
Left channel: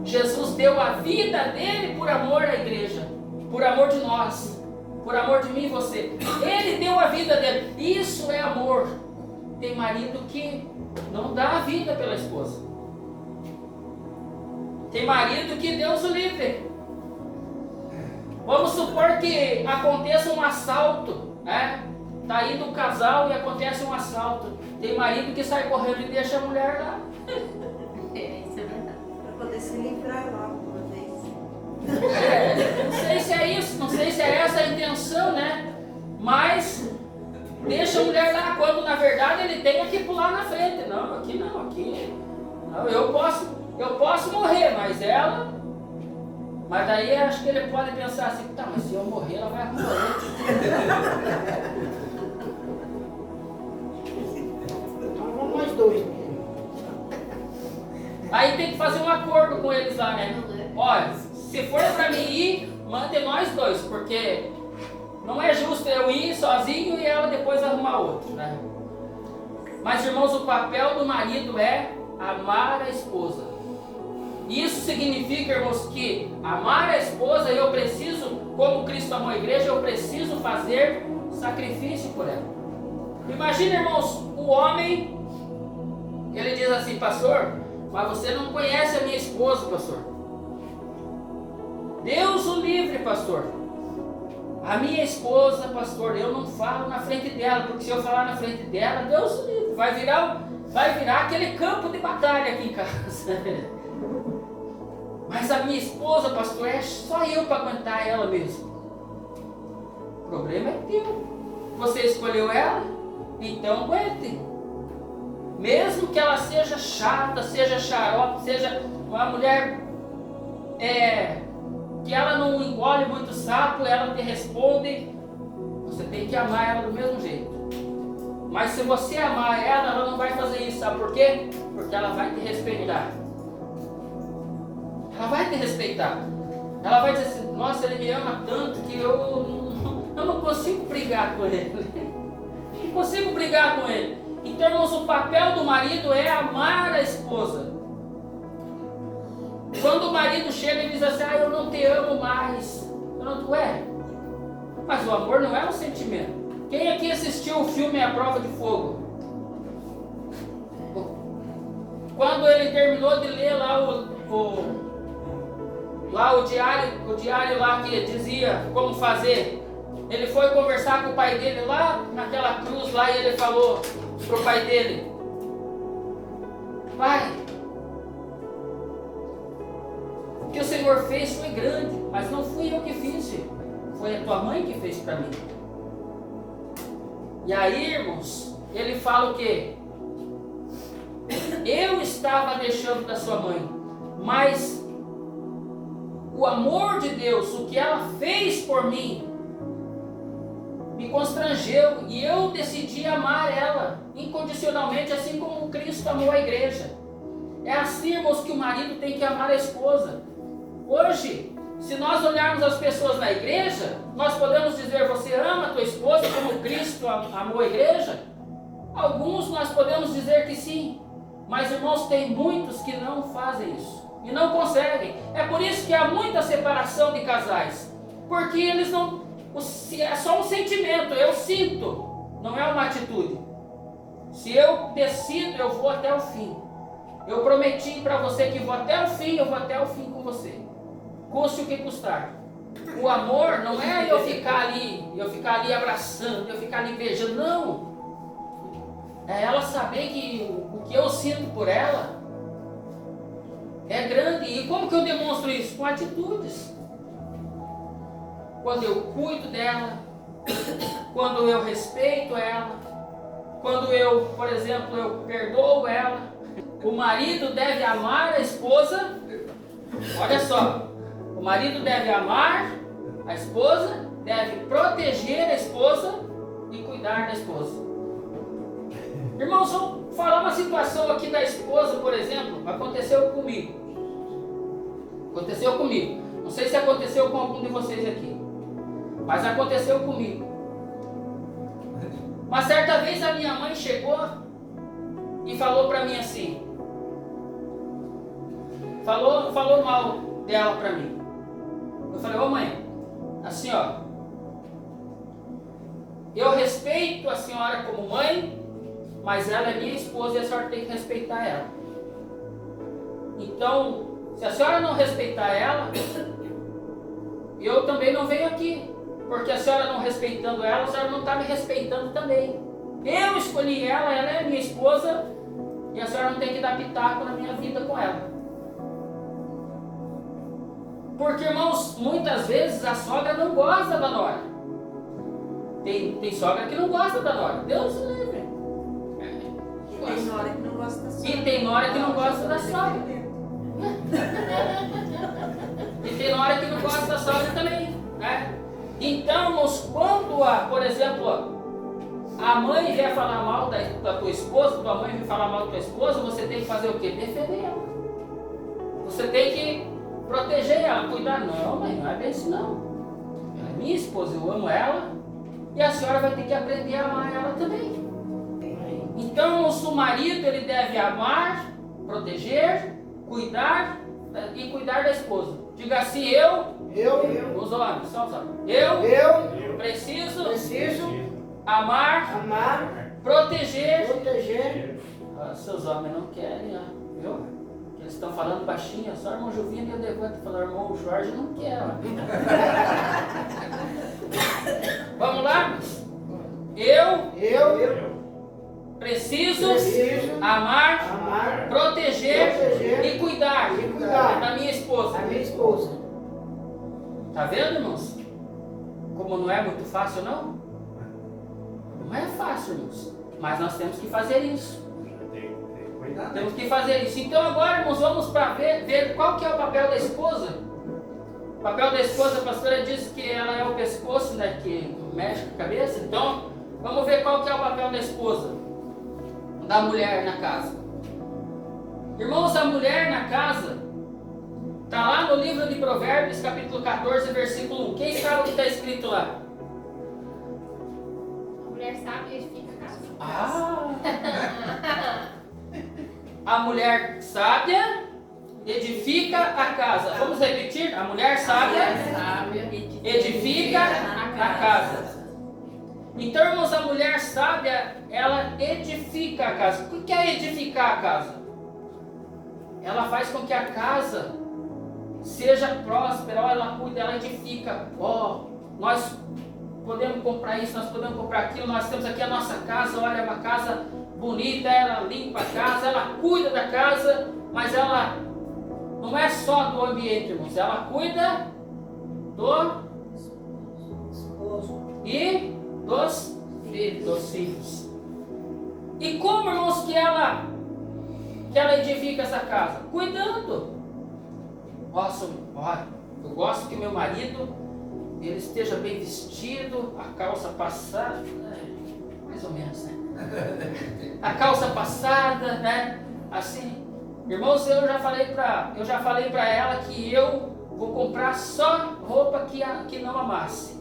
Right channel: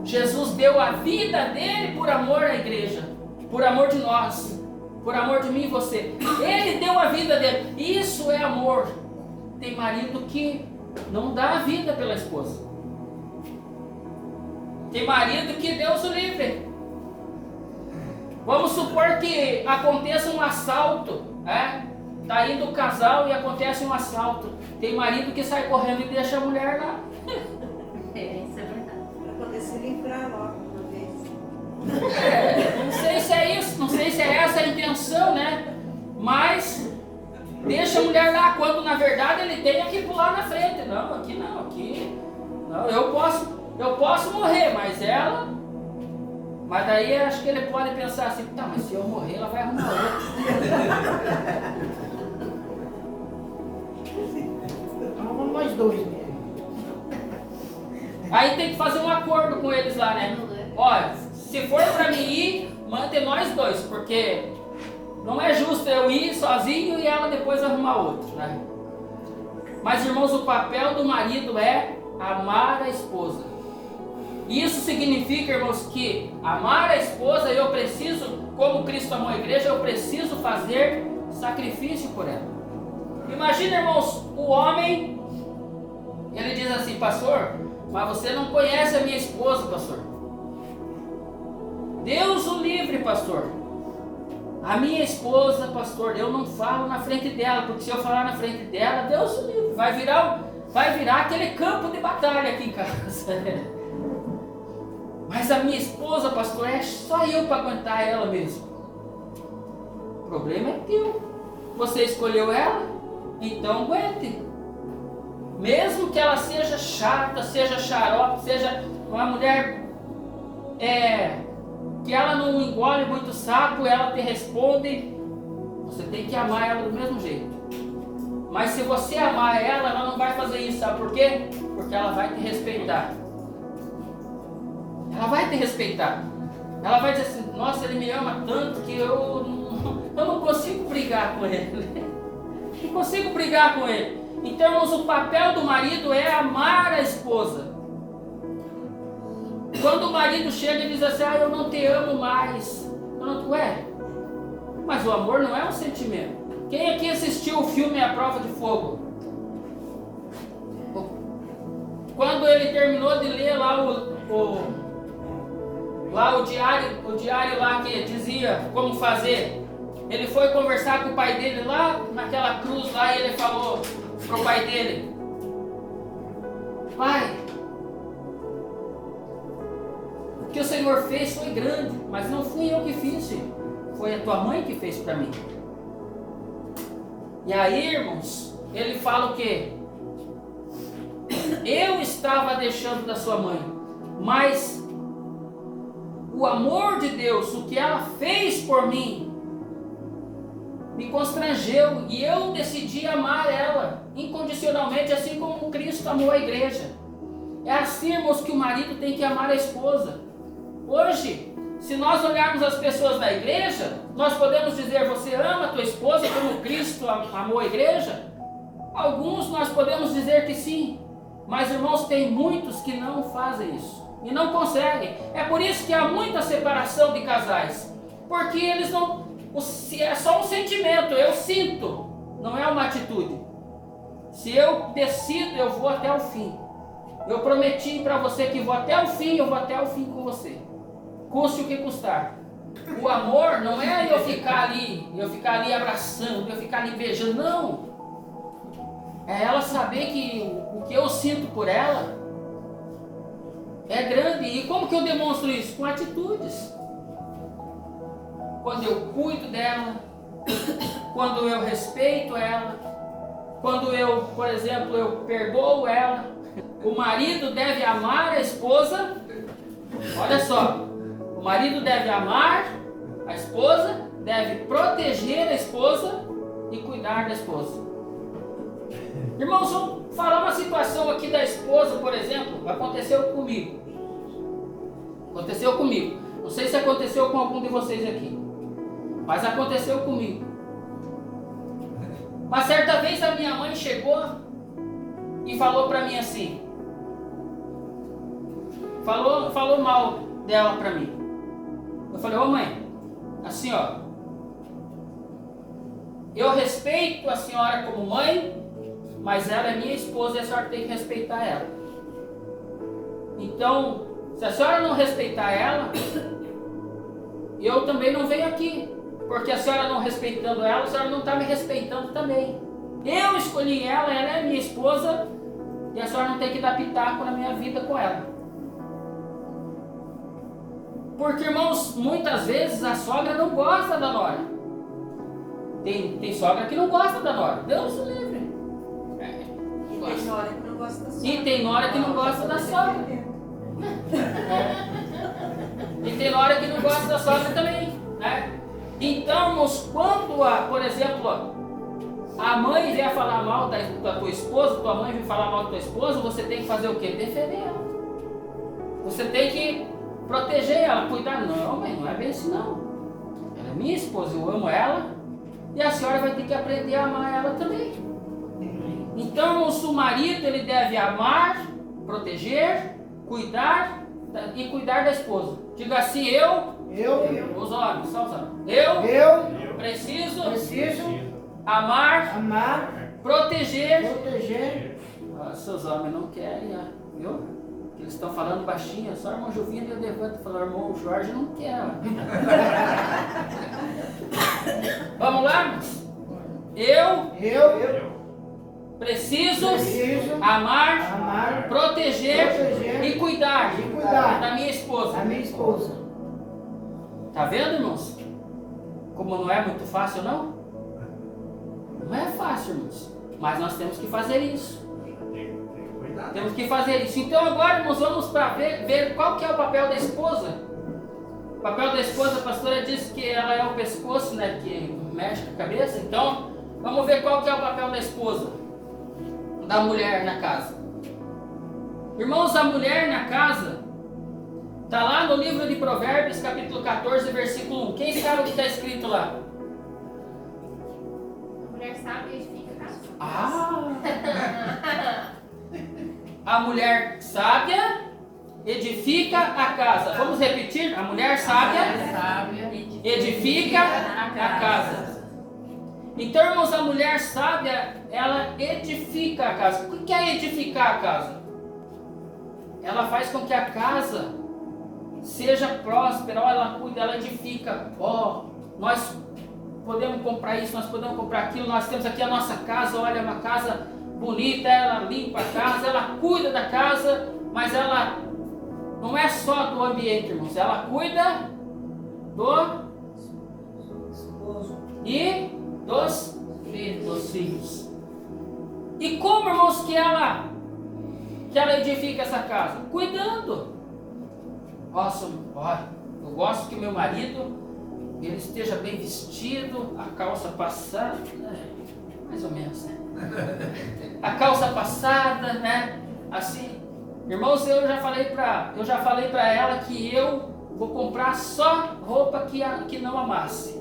Jesus deu a vida dele por amor à igreja, por amor de nós, por amor de mim e você. Ele deu a vida dele. Isso é amor. Tem marido que não dá a vida pela esposa. Tem marido que Deus o livre. Vamos supor que aconteça um assalto, né? Está indo o casal e acontece um assalto. Tem marido que sai correndo e deixa a mulher lá. Isso é verdade. Para poder se livrar logo de uma vez. Não sei se é isso, não sei se é essa a intenção, né? Mas deixa a mulher lá, quando na verdade ele tem que pular na frente. Não, aqui não, aqui não, eu posso morrer, mas ela. Mas daí acho que ele pode pensar assim, tá, mas se eu morrer, ela vai arrumar outro. Então vamos nós dois, né? Aí tem que fazer um acordo com eles lá, né? Olha, se for pra mim ir, mantém nós dois, porque não é justo eu ir sozinho e ela depois arrumar outro, né? Mas, irmãos, o papel do marido é amar a esposa. Isso significa, irmãos, que amar a esposa, eu preciso, como Cristo amou a igreja, eu preciso fazer sacrifício por ela. Imagina, irmãos, o homem, ele diz assim, pastor, mas você não conhece a minha esposa, pastor. Deus o livre, pastor. A minha esposa, pastor, eu não falo na frente dela, porque se eu falar na frente dela, Deus o livre, vai virar aquele campo de batalha aqui em casa. Mas a minha esposa, pastor, é só eu para aguentar ela mesmo. O problema é teu. Você escolheu ela, então aguente. Mesmo que ela seja chata, seja xarope, seja uma mulher que ela não engole muito sapo, ela te responde, você tem que amar ela do mesmo jeito. Mas se você amar ela, ela não vai fazer isso, sabe por quê? Porque ela vai te respeitar. Ela vai te respeitar. Ela vai dizer assim, nossa, ele me ama tanto que eu não consigo brigar com ele. Não consigo brigar com ele. Então, irmãos, o papel do marido é amar a esposa. Quando o marido chega e diz assim, eu não te amo mais. Ué, mas o amor não é um sentimento. Quem aqui assistiu o filme A Prova de Fogo? Quando ele terminou de ler lá o diário lá que dizia como fazer, ele foi conversar com o pai dele lá naquela cruz lá e ele falou pro pai dele, pai, o que o Senhor fez foi grande, mas não fui eu que fiz, foi a tua mãe que fez para mim. E aí, irmãos, ele fala o quê? Eu estava deixando da sua mãe, mas o amor de Deus, o que ela fez por mim, me constrangeu e eu decidi amar ela incondicionalmente, assim como Cristo amou a igreja. É assim, irmãos, que o marido tem que amar a esposa. Hoje, se nós olharmos as pessoas na igreja, nós podemos dizer, você ama a tua esposa como Cristo amou a igreja? Alguns nós podemos dizer que sim, mas irmãos, tem muitos que não fazem isso e não conseguem. É por isso que há muita separação de casais, porque eles não, é só um sentimento, eu sinto, não é uma atitude. Se eu decido, eu vou até o fim. Eu prometi para você que vou até o fim, eu vou até o fim com você, custe o que custar. O amor não é eu ficar ali abraçando, eu ficar ali beijando, não. É ela saber que o que eu sinto por ela é grande. E como que eu demonstro isso? Com atitudes. Quando eu cuido dela, quando eu respeito ela, quando eu, por exemplo, eu perdoo ela. O marido deve amar a esposa. Olha só, o marido deve amar a esposa, deve proteger a esposa e cuidar da esposa. Irmãos, vamos falar uma situação aqui da esposa, por exemplo, aconteceu comigo. Não sei se aconteceu com algum de vocês aqui, mas aconteceu comigo. Uma certa vez a minha mãe chegou e falou para mim assim, falou mal dela para mim. Eu falei, ô mãe, assim ó, eu respeito a senhora como mãe, mas ela é minha esposa e a senhora tem que respeitar ela. Então, se a senhora não respeitar ela, eu também não venho aqui, porque a senhora não respeitando ela, a senhora não está me respeitando também. Eu escolhi ela é minha esposa e a senhora não tem que dar pitaco na minha vida com ela. Porque, irmãos, muitas vezes a sogra não gosta da nora. Tem sogra que não gosta da nora. Deus o livre. E tem nora que não gosta da sogra. E tem nora que não gosta da sogra. E tem nora que não gosta da sogra também. Né? Então, irmãos, quando, por exemplo, a mãe vier falar mal da tua esposa, tua mãe vier falar mal da tua esposa, você tem que fazer o quê? Defender ela. Você tem que proteger ela, cuidar. Não, mãe, não é bem assim não. Ela é minha esposa, eu amo ela e a senhora vai ter que aprender a amar ela também. Então, o marido ele deve amar, proteger, cuidar e cuidar da esposa. Diga assim, os homens, só os homens. Eu preciso amar, proteger. Seus homens não querem, viu? Eles estão falando baixinho, só o irmão Juvino e eu levanto e falo, irmão Jorge não quer. Vamos lá, irmãos? Eu Preciso Preciso amar, amar, proteger e cuidar da minha da esposa. minha esposa. Tá vendo, irmãos? Como não é muito fácil, não? Não é fácil, irmãos. Mas nós temos que fazer isso. Tem que cuidar. Temos que fazer isso. Então agora, irmãos, vamos para ver qual que é o papel da esposa. O papel da esposa, a pastora disse que ela é o pescoço, né, que mexe com a cabeça. Então, vamos ver qual que é o papel da esposa, da mulher na casa. Irmãos, a mulher na casa está lá no livro de Provérbios, capítulo 14, versículo 1. Quem sabe o que está escrito lá? A mulher sábia edifica a casa. A mulher sábia edifica a casa. Vamos repetir? A mulher sábia edifica a casa. Então, irmãos, a mulher sábia, ela edifica a casa. O que é edificar a casa? Ela faz com que a casa seja próspera, ela cuida, ela edifica. Nós podemos comprar isso, nós podemos comprar aquilo, nós temos aqui a nossa casa, olha, é uma casa bonita, ela limpa a casa, ela cuida da casa, mas ela não é só do ambiente, irmãos, ela cuida do Esposo. e dos filhos. E como, irmãos, que ela edifica essa casa? Cuidando. Nossa, olha, eu gosto que o meu marido ele esteja bem vestido, a calça passada, mais ou menos, né? A calça passada, né? Assim, irmãos, eu já falei para ela que eu vou comprar só roupa que não amasse,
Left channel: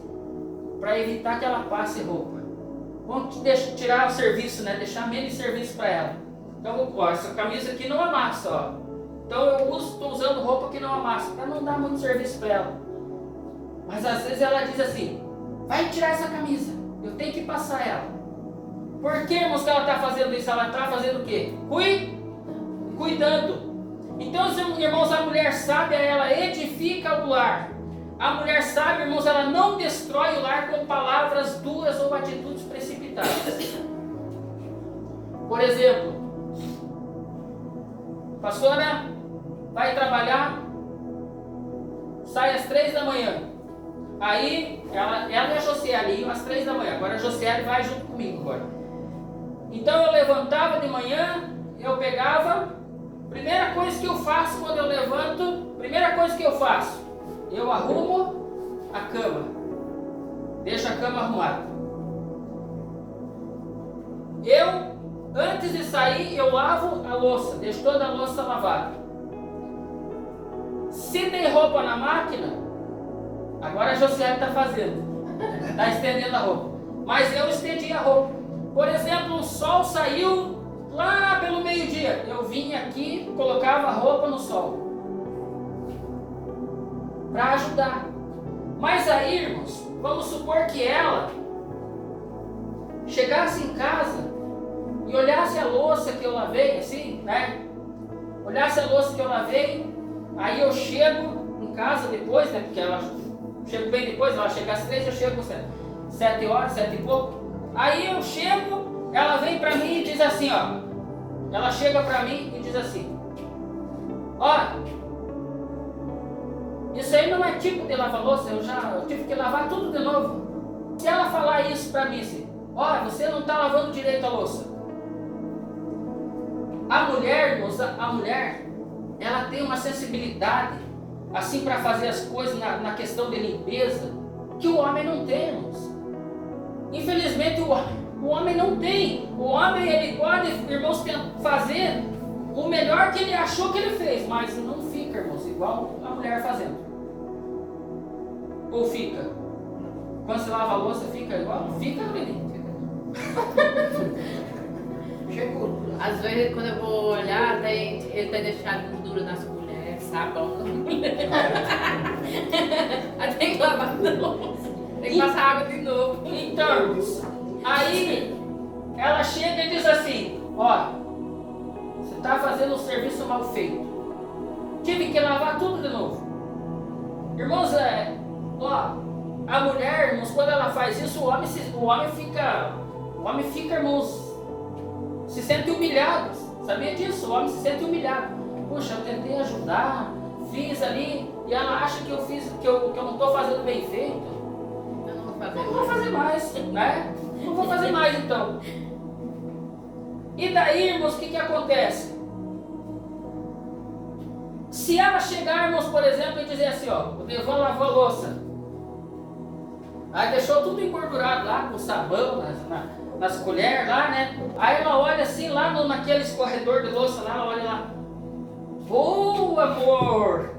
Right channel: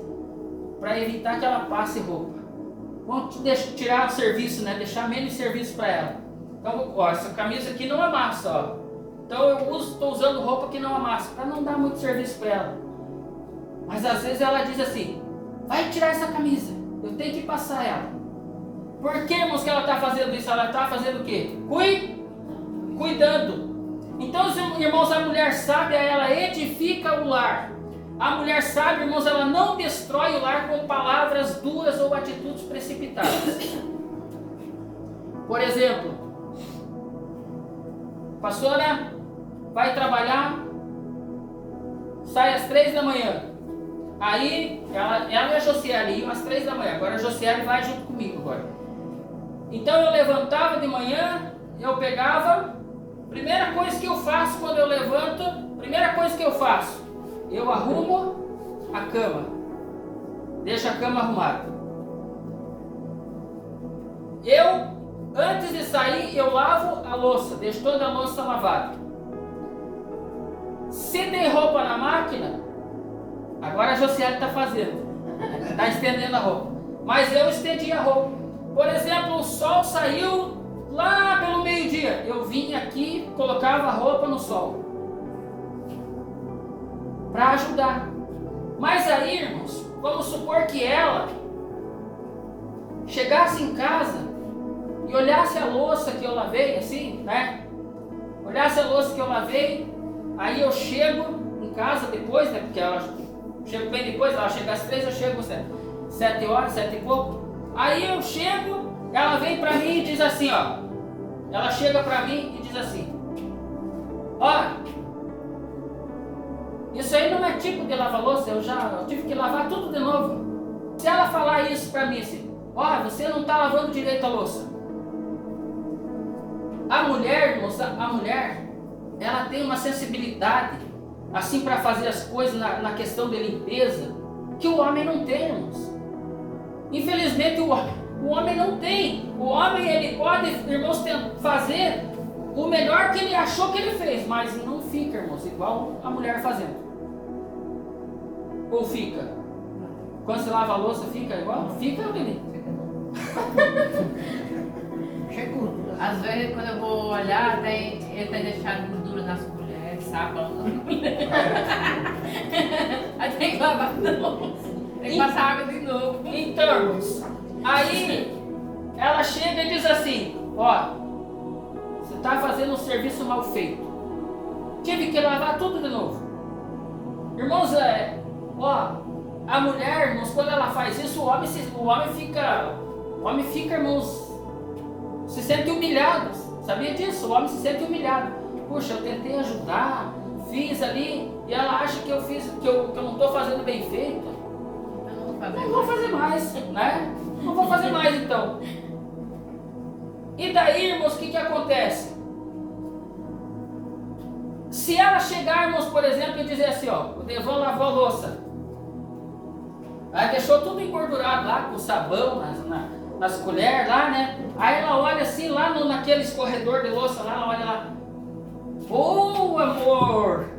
para evitar que ela passe roupa. Vamos tirar o serviço, né? Deixar menos serviço para ela. Então, ó, essa camisa aqui não amassa, ó. Então eu estou usando roupa que não amassa, para não dar muito serviço para ela. Mas às vezes ela diz assim: vai tirar essa camisa, eu tenho que passar ela. Por que, irmãos, que ela está fazendo isso? Ela está fazendo o quê? Cuidando. Então, irmãos, a mulher sábia, ela edifica o lar. A mulher sábia, irmãos, ela não destrói o lar com palavras duras ou atitudes precipitadas. Por exemplo, a pastora vai trabalhar, sai às 3 da manhã. Aí, ela e a Josiele iam às 3 da manhã. Agora a Josiele vai junto comigo agora. Então eu levantava de manhã, eu pegava, primeira coisa que eu faço quando eu levanto, eu arrumo a cama. Deixo a cama arrumada. Antes de sair, eu lavo a louça, deixo toda a louça lavada. Se tem roupa na máquina, agora a Josiane está fazendo, está estendendo a roupa. Mas eu estendi a roupa. Por exemplo, o sol saiu lá pelo meio-dia. Eu vinha aqui, colocava a roupa no sol, para ajudar. Mas aí, irmãos, vamos supor que ela chegasse em casa e olhasse a louça que eu lavei, assim, né? Olhasse a louça que eu lavei, aí eu chego em casa depois, né? Porque ela chega bem depois, ela chega às 3, eu chego às 7 horas, 7 e pouco. Aí eu chego, ela vem pra mim e diz assim, ó. Ela chega pra mim e diz assim: ó, isso aí não é tipo de lavar louça, eu tive que lavar tudo de novo. Se ela falar isso pra mim assim: ó, você não tá lavando direito a louça. A mulher, irmãos, ela tem uma sensibilidade assim para fazer as coisas na questão de limpeza que o homem não tem, irmãos. Infelizmente o homem não tem. O homem, ele pode, irmãos, fazer o melhor que ele achou que ele fez, mas não fica, irmãos, igual a mulher fazendo. Ou fica? Quando você lava a louça, fica igual? Fica, Lili? Às vezes, quando eu vou olhar, ele tem deixado gordura nas colheres, sabão nas colheres. Aí tem que lavar de novo. Tem que passar água de novo. Então, aí ela chega e diz assim: ó, você está fazendo um serviço mal feito. Tive que lavar tudo de novo. Irmãos, a mulher, irmãos, quando ela faz isso, o homem fica, irmãos, se sente humilhado. Sabia disso? O homem se sente humilhado. Puxa, eu tentei ajudar, fiz ali, e ela acha que eu não estou fazendo bem feito. Eu não vou fazer. Eu não vou fazer mais, né? Não vou fazer mais então. E daí, irmãos, o que acontece? Se ela chegar, irmãos, por exemplo, e dizer assim, ó, o Devan lavou a louça. Aí deixou tudo engordurado lá, com sabão, nas colheres lá, né? Aí ela olha assim, lá naquele escorredor de louça lá, ela olha lá. Oh, amor!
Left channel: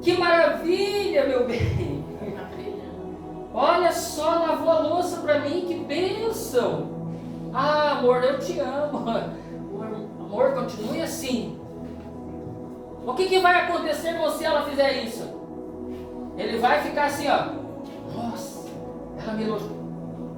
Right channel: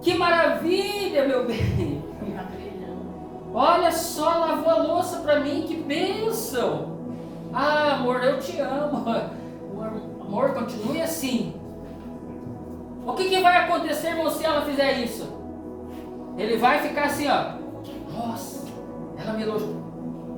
Que maravilha, meu bem! Olha só, lavou a louça para mim, que bênção! Ah, amor, eu te amo. Amor, continue assim. O que vai acontecer, irmão, se ela fizer isso? Ele vai ficar assim, ó. Nossa, ela me elogiou.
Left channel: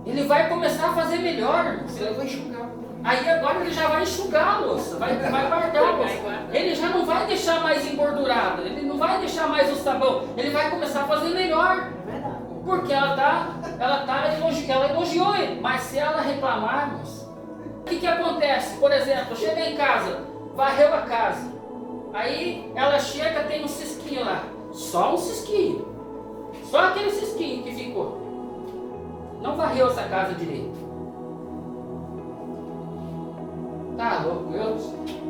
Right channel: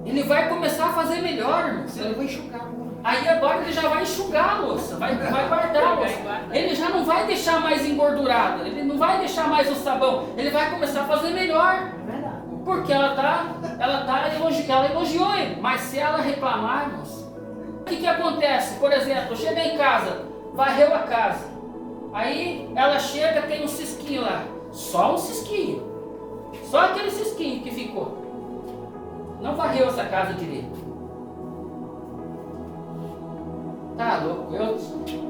Ele vai começar a fazer melhor, irmão. Eu vou enxugar. Aí agora ele já vai enxugar a louça, vai guardar a louça. Ele já não vai deixar mais engordurada, ele não vai deixar mais o sabão. Ele vai começar a fazer melhor. É verdade. Porque ela elogiou ele. Mas se ela reclamar, irmãos, o que acontece? Por exemplo, chega em casa, varreu a casa. Aí ela chega, tem um cisquinho lá. Só um cisquinho. Só aquele cisquinho que ficou. Não varreu essa casa direito. Tá louco, eu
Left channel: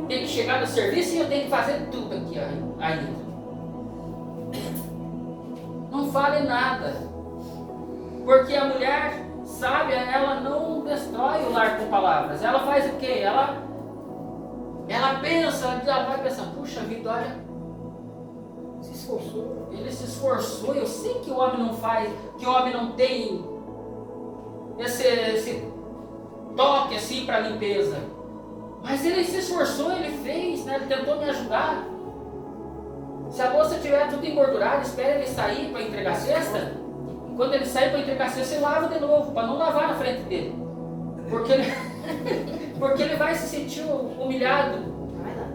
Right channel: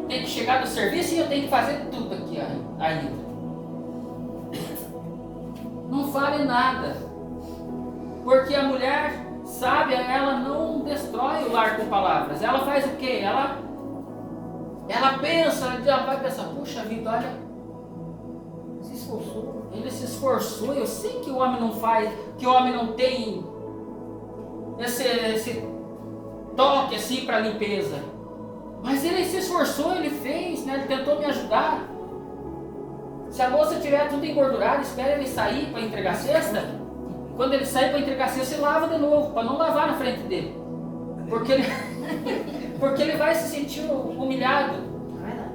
tenho que chegar no serviço e eu tenho que fazer tudo aqui ainda. Não fale nada. Porque a mulher sábia, ela não destrói o lar com palavras. Ela faz o quê? Ela pensa, ela vai pensar, puxa vida, olha, Se esforçou. ele se esforçou. Eu sei que o homem não faz, que o homem não tem esse toque assim para limpeza. Mas ele se esforçou, ele fez, né? Ele tentou me ajudar. Se a louça estiver tudo engordurada, espera ele sair para entregar a cesta. Quando ele sair para entregar a cesta, você lava de novo, para não lavar na frente dele. Porque ele vai se sentir humilhado. É verdade.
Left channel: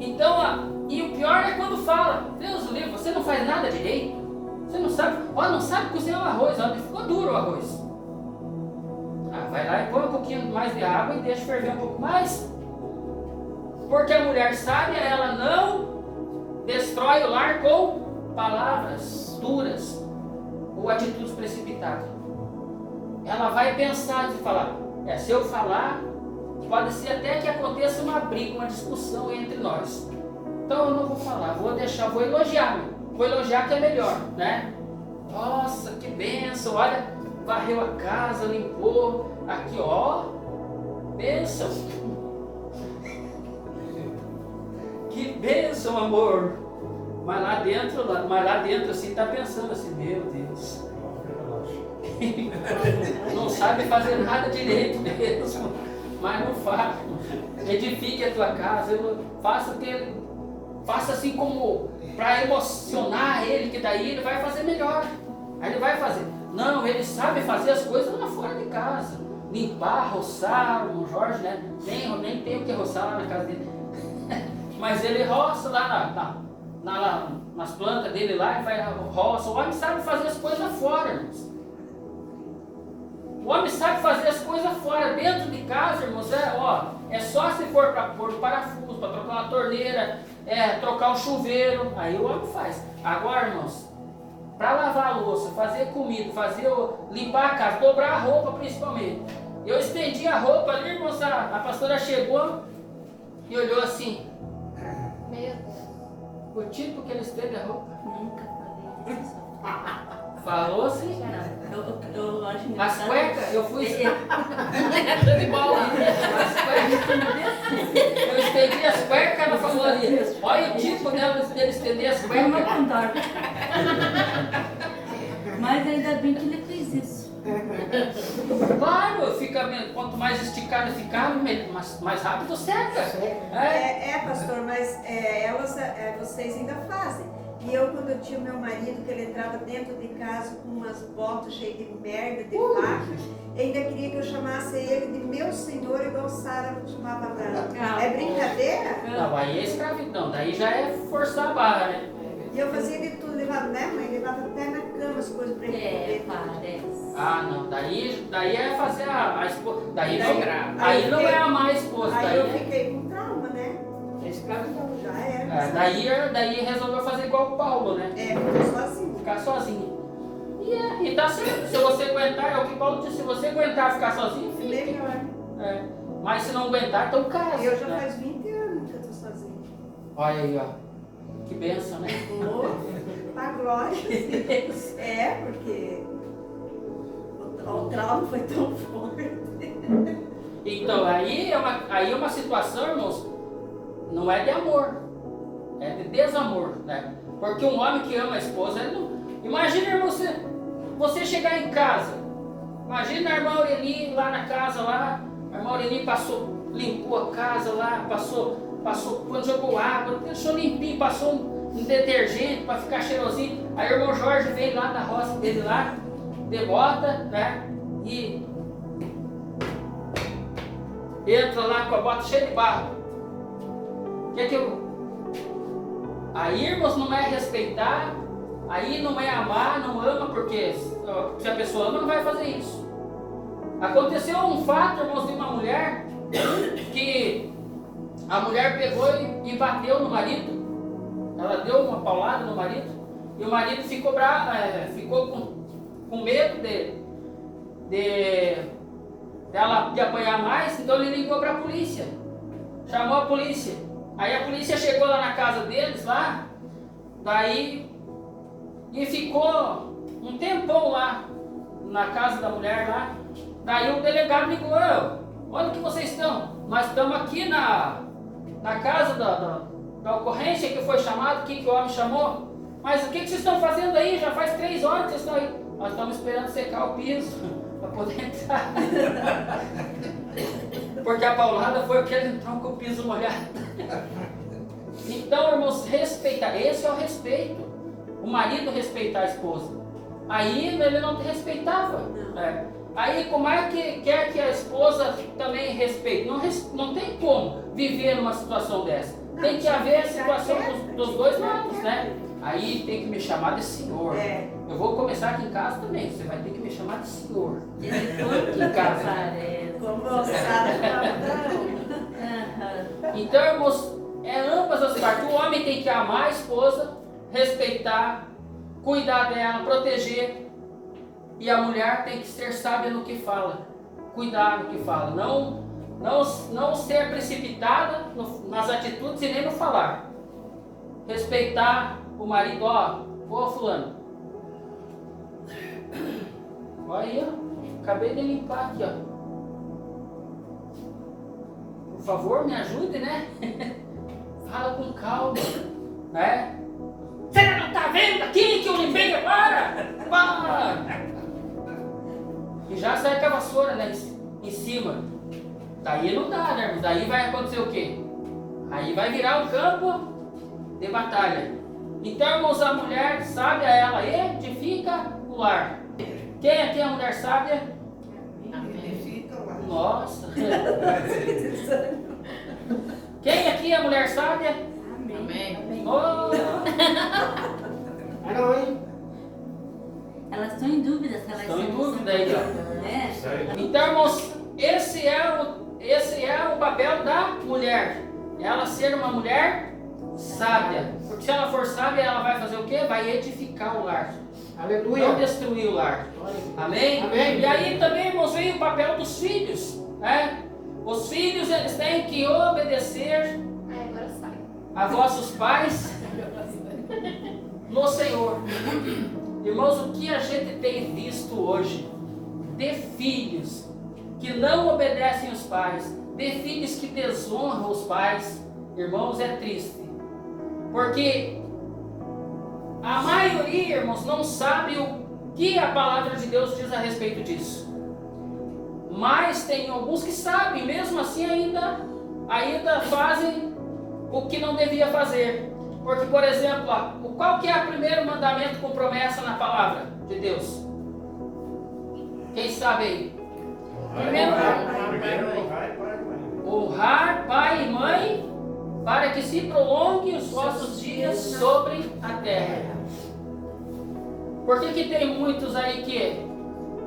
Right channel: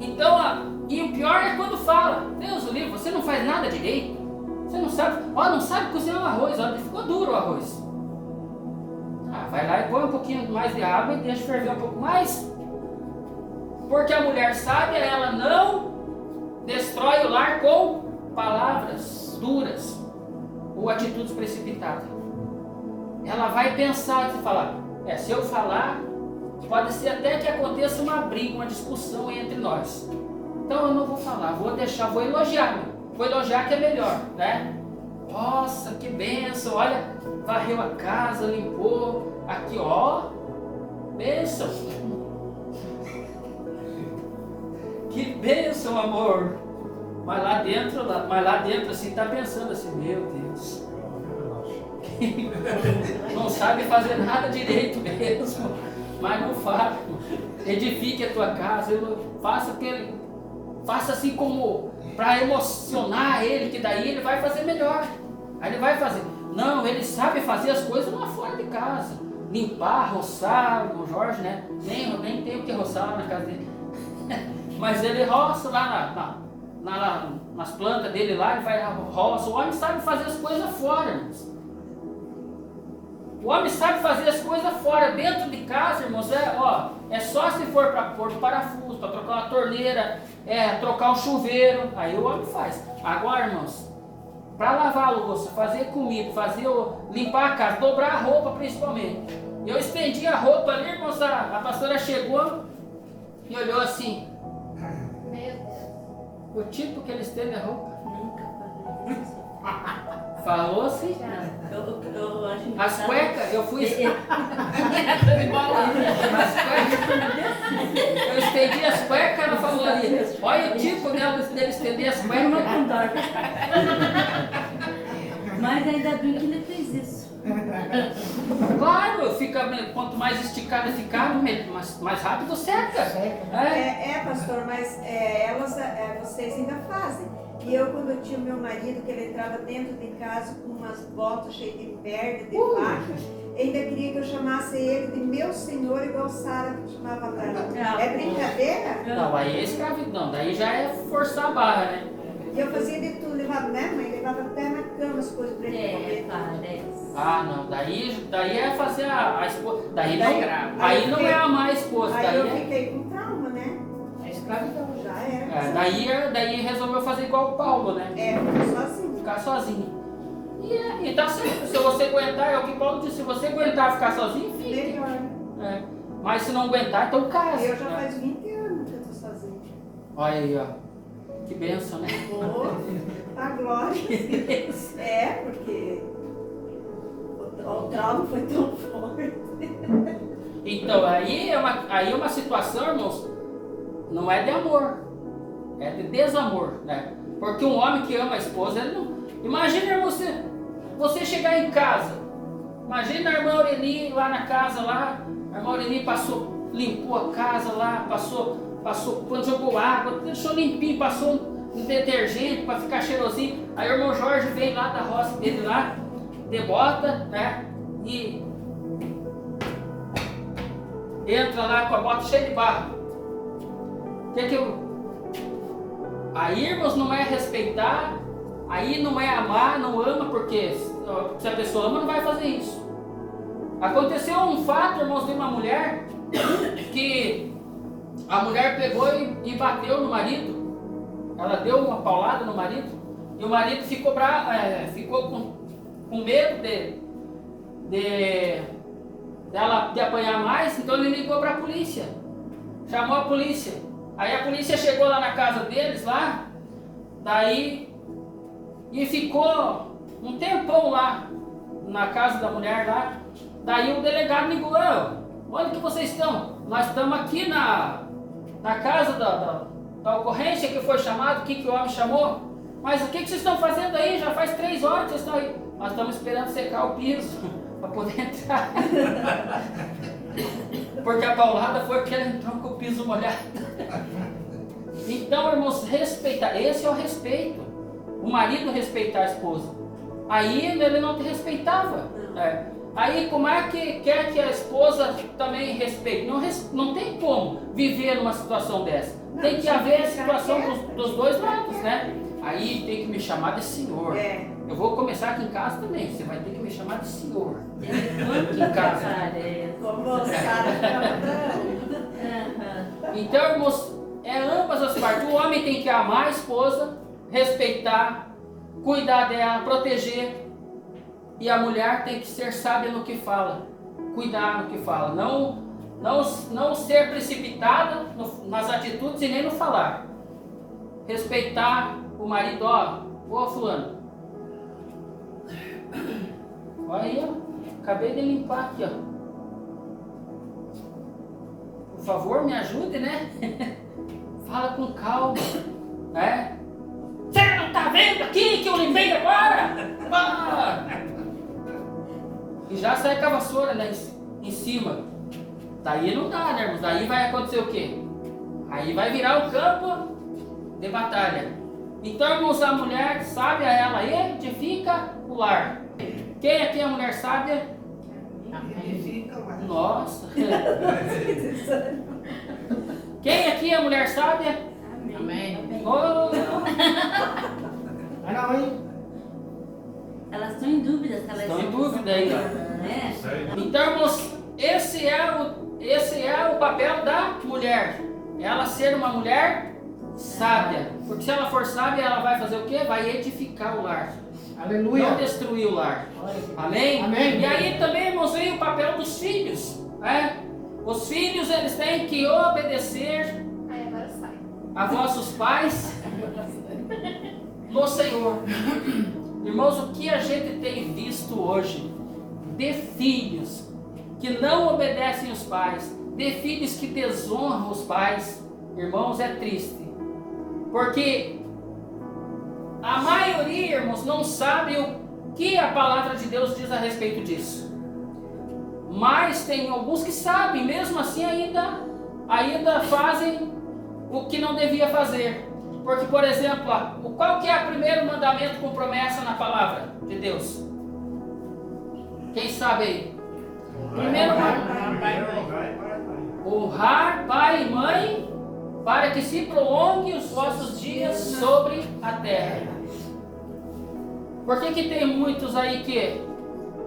Então, e o pior é quando fala, Deus o livre, você não faz nada direito. Você não sabe, não sabe cozinhar o arroz, ficou duro o arroz. Vai lá e põe um pouquinho mais de água e deixa ferver um pouco mais. Porque a mulher sábia, ela não destrói o lar com palavras duras ou atitudes precipitadas. Ela vai pensar e falar, se eu falar, pode ser até que aconteça uma briga, uma discussão entre nós. Então eu não vou falar, vou elogiar. Vou elogiar que é melhor, né? Nossa, que bênção, olha, varreu a casa, limpou, aqui ó, bênção. Que bênção, amor. Mas lá dentro assim tá pensando assim, meu Deus. Não sabe fazer nada direito mesmo. Mas não faz. Edifique a tua casa. Faça assim como para emocionar ele, que daí ele vai fazer melhor. Aí ele vai fazer. Não, ele sabe fazer as coisas lá fora de casa. Limpar, roçar, o Jorge, né? Nem tem o que roçar lá na casa dele. Mas ele roça lá nas plantas dele lá, ele vai roça. O homem sabe fazer as coisas fora, irmãos. O homem sabe fazer as coisas fora. Dentro de casa, irmãos, é só se for para pôr o parafuso, para trocar uma torneira, trocar um chuveiro, aí o homem faz. Agora, irmãos, para lavar a louça, fazer comida, limpar a casa, dobrar a roupa principalmente. Eu estendi a roupa ali, irmãos, a pastora chegou e olhou assim. Meu Deus. O tipo que ele estende a roupa. Nunca falei isso. Falou assim. Eu acho que As cuecas, eu fui. De bola. Eu estendi as cuecas, ela falou ali. Olha o tipo dele estender as Foi uma cuecas. condor. Mas ainda bem que ele fez isso. Claro, quanto mais esticada ficar, mais rápido seca. Pastor, mas vocês ainda fazem. E eu, quando eu tinha o meu marido, que ele entrava dentro de casa com umas botas cheias de merda, de vaca, ainda queria que eu chamasse ele de meu senhor, igual Sara chamava Abraão. É brincadeira? Não, aí é escravidão, daí já é forçar a barra, né? E eu fazia de tudo, levava, né, mãe? levava até na cama as coisas para ele comer. Parece. Ah, não, daí é fazer a esposa. Daí Daí não, grave. aí não é amar a esposa, Aí daí eu é. fiquei com trauma, né? É escravidão. Já era. Daí resolveu fazer igual o Paulo, né? Fiquei sozinho. Ficar sozinho. E tá certo, se você aguentar, é o que Paulo disse, se você aguentar ficar sozinho, fique. Melhor. É. Mas se não aguentar, então casa. Eu já né? faz 20 anos que eu tô sozinha. Olha aí, ó. Que benção, né? Pra glória. Porque o trauma foi tão forte. Então, aí é uma situação, irmãos, não é de amor, é de desamor, né? Porque um homem que ama a esposa, ele não... Imagina você chegar em casa, imagina a irmã Aureli lá na casa, lá, a irmã Aureli limpou a casa lá, quando jogou água, deixou limpinho, passou um detergente para ficar cheirosinho. Aí o irmão Jorge veio lá da roça dele lá, de bota, né? E entra lá com a bota cheia de barro. Aí, irmãos, não é respeitar, aí não é amar, não ama, porque se a pessoa ama, não vai fazer isso. Aconteceu um fato, irmãos, de uma mulher, que a mulher pegou e bateu no marido. Ela deu uma paulada no marido, e o marido ficou bravo, ficou com medo de apanhar mais, então ele ligou para a polícia, chamou a polícia. Aí a polícia chegou lá na casa deles, lá, daí, e ficou um tempão lá, na casa da mulher lá. Daí o delegado ligou: onde que vocês estão? Nós estamos aqui na casa da ocorrência que foi chamado, o que o homem chamou. Mas o que vocês estão fazendo aí? Já faz 3 horas que vocês estão aí. Nós estamos esperando secar o piso para poder entrar. Porque a paulada foi porque ele entrou com o piso molhado. Então, irmãos, respeitar. Esse é o respeito. O marido respeitar a esposa. Aí ele não te respeitava. Aí como é que quer que a esposa também respeite? Não tem como viver numa situação dessa. Tem que haver a situação dos dois lados, né? Aí tem que me chamar de senhor. Eu vou começar aqui em casa também. Você vai ter que me chamar de senhor. Aqui em casa. Então, irmãos, ambas as partes. O homem tem que amar a esposa, respeitar, cuidar dela, proteger. E a mulher tem que ser sábia no que fala, cuidar no que fala. Não ser precipitada nas atitudes e nem no falar. Respeitar o marido. Ô fulano, olha aí, ó, acabei de limpar aqui, ó. Por favor, me ajude, né? Fala com calma, né? Você não tá vendo aqui que eu limpei agora? E já sai com a vassoura, né, em cima. Daí não dá, né, irmão? Daí vai acontecer o quê? Aí vai virar um campo de batalha. Então, irmãos, a mulher sábia, ela edifica o lar. Quem aqui é a mulher sábia? Nossa! Quem aqui é a mulher sábia? Amém. Oh. Mas não, hein? Elas estão em dúvida se elas Estão em são dúvida aí, ó. né? Então, irmãos, esse é o papel da mulher. Ela ser uma mulher sábia. Porque se ela for sábia, ela vai fazer o quê? Vai edificar o lar. Aleluia. Não destruir o lar. Amém? Amém. E aí também, irmãos, vem o papel dos filhos, né? Os filhos, eles têm que obedecer Agora sai. a vossos pais no Senhor. Irmãos, o que a gente tem visto hoje de filhos que não obedecem os pais, de filhos que desonram os pais, irmãos, é triste. Porque a maioria, irmãos, não sabe o que a palavra de Deus diz a respeito disso. Mas tem alguns que sabem, mesmo assim ainda fazem o que não devia fazer. Porque, por exemplo, qual que é o primeiro mandamento com promessa na palavra de Deus? Quem sabe aí? Primeiro honrar pai e mãe, para que se prolongue os vossos dias sobre a terra. Por que tem muitos aí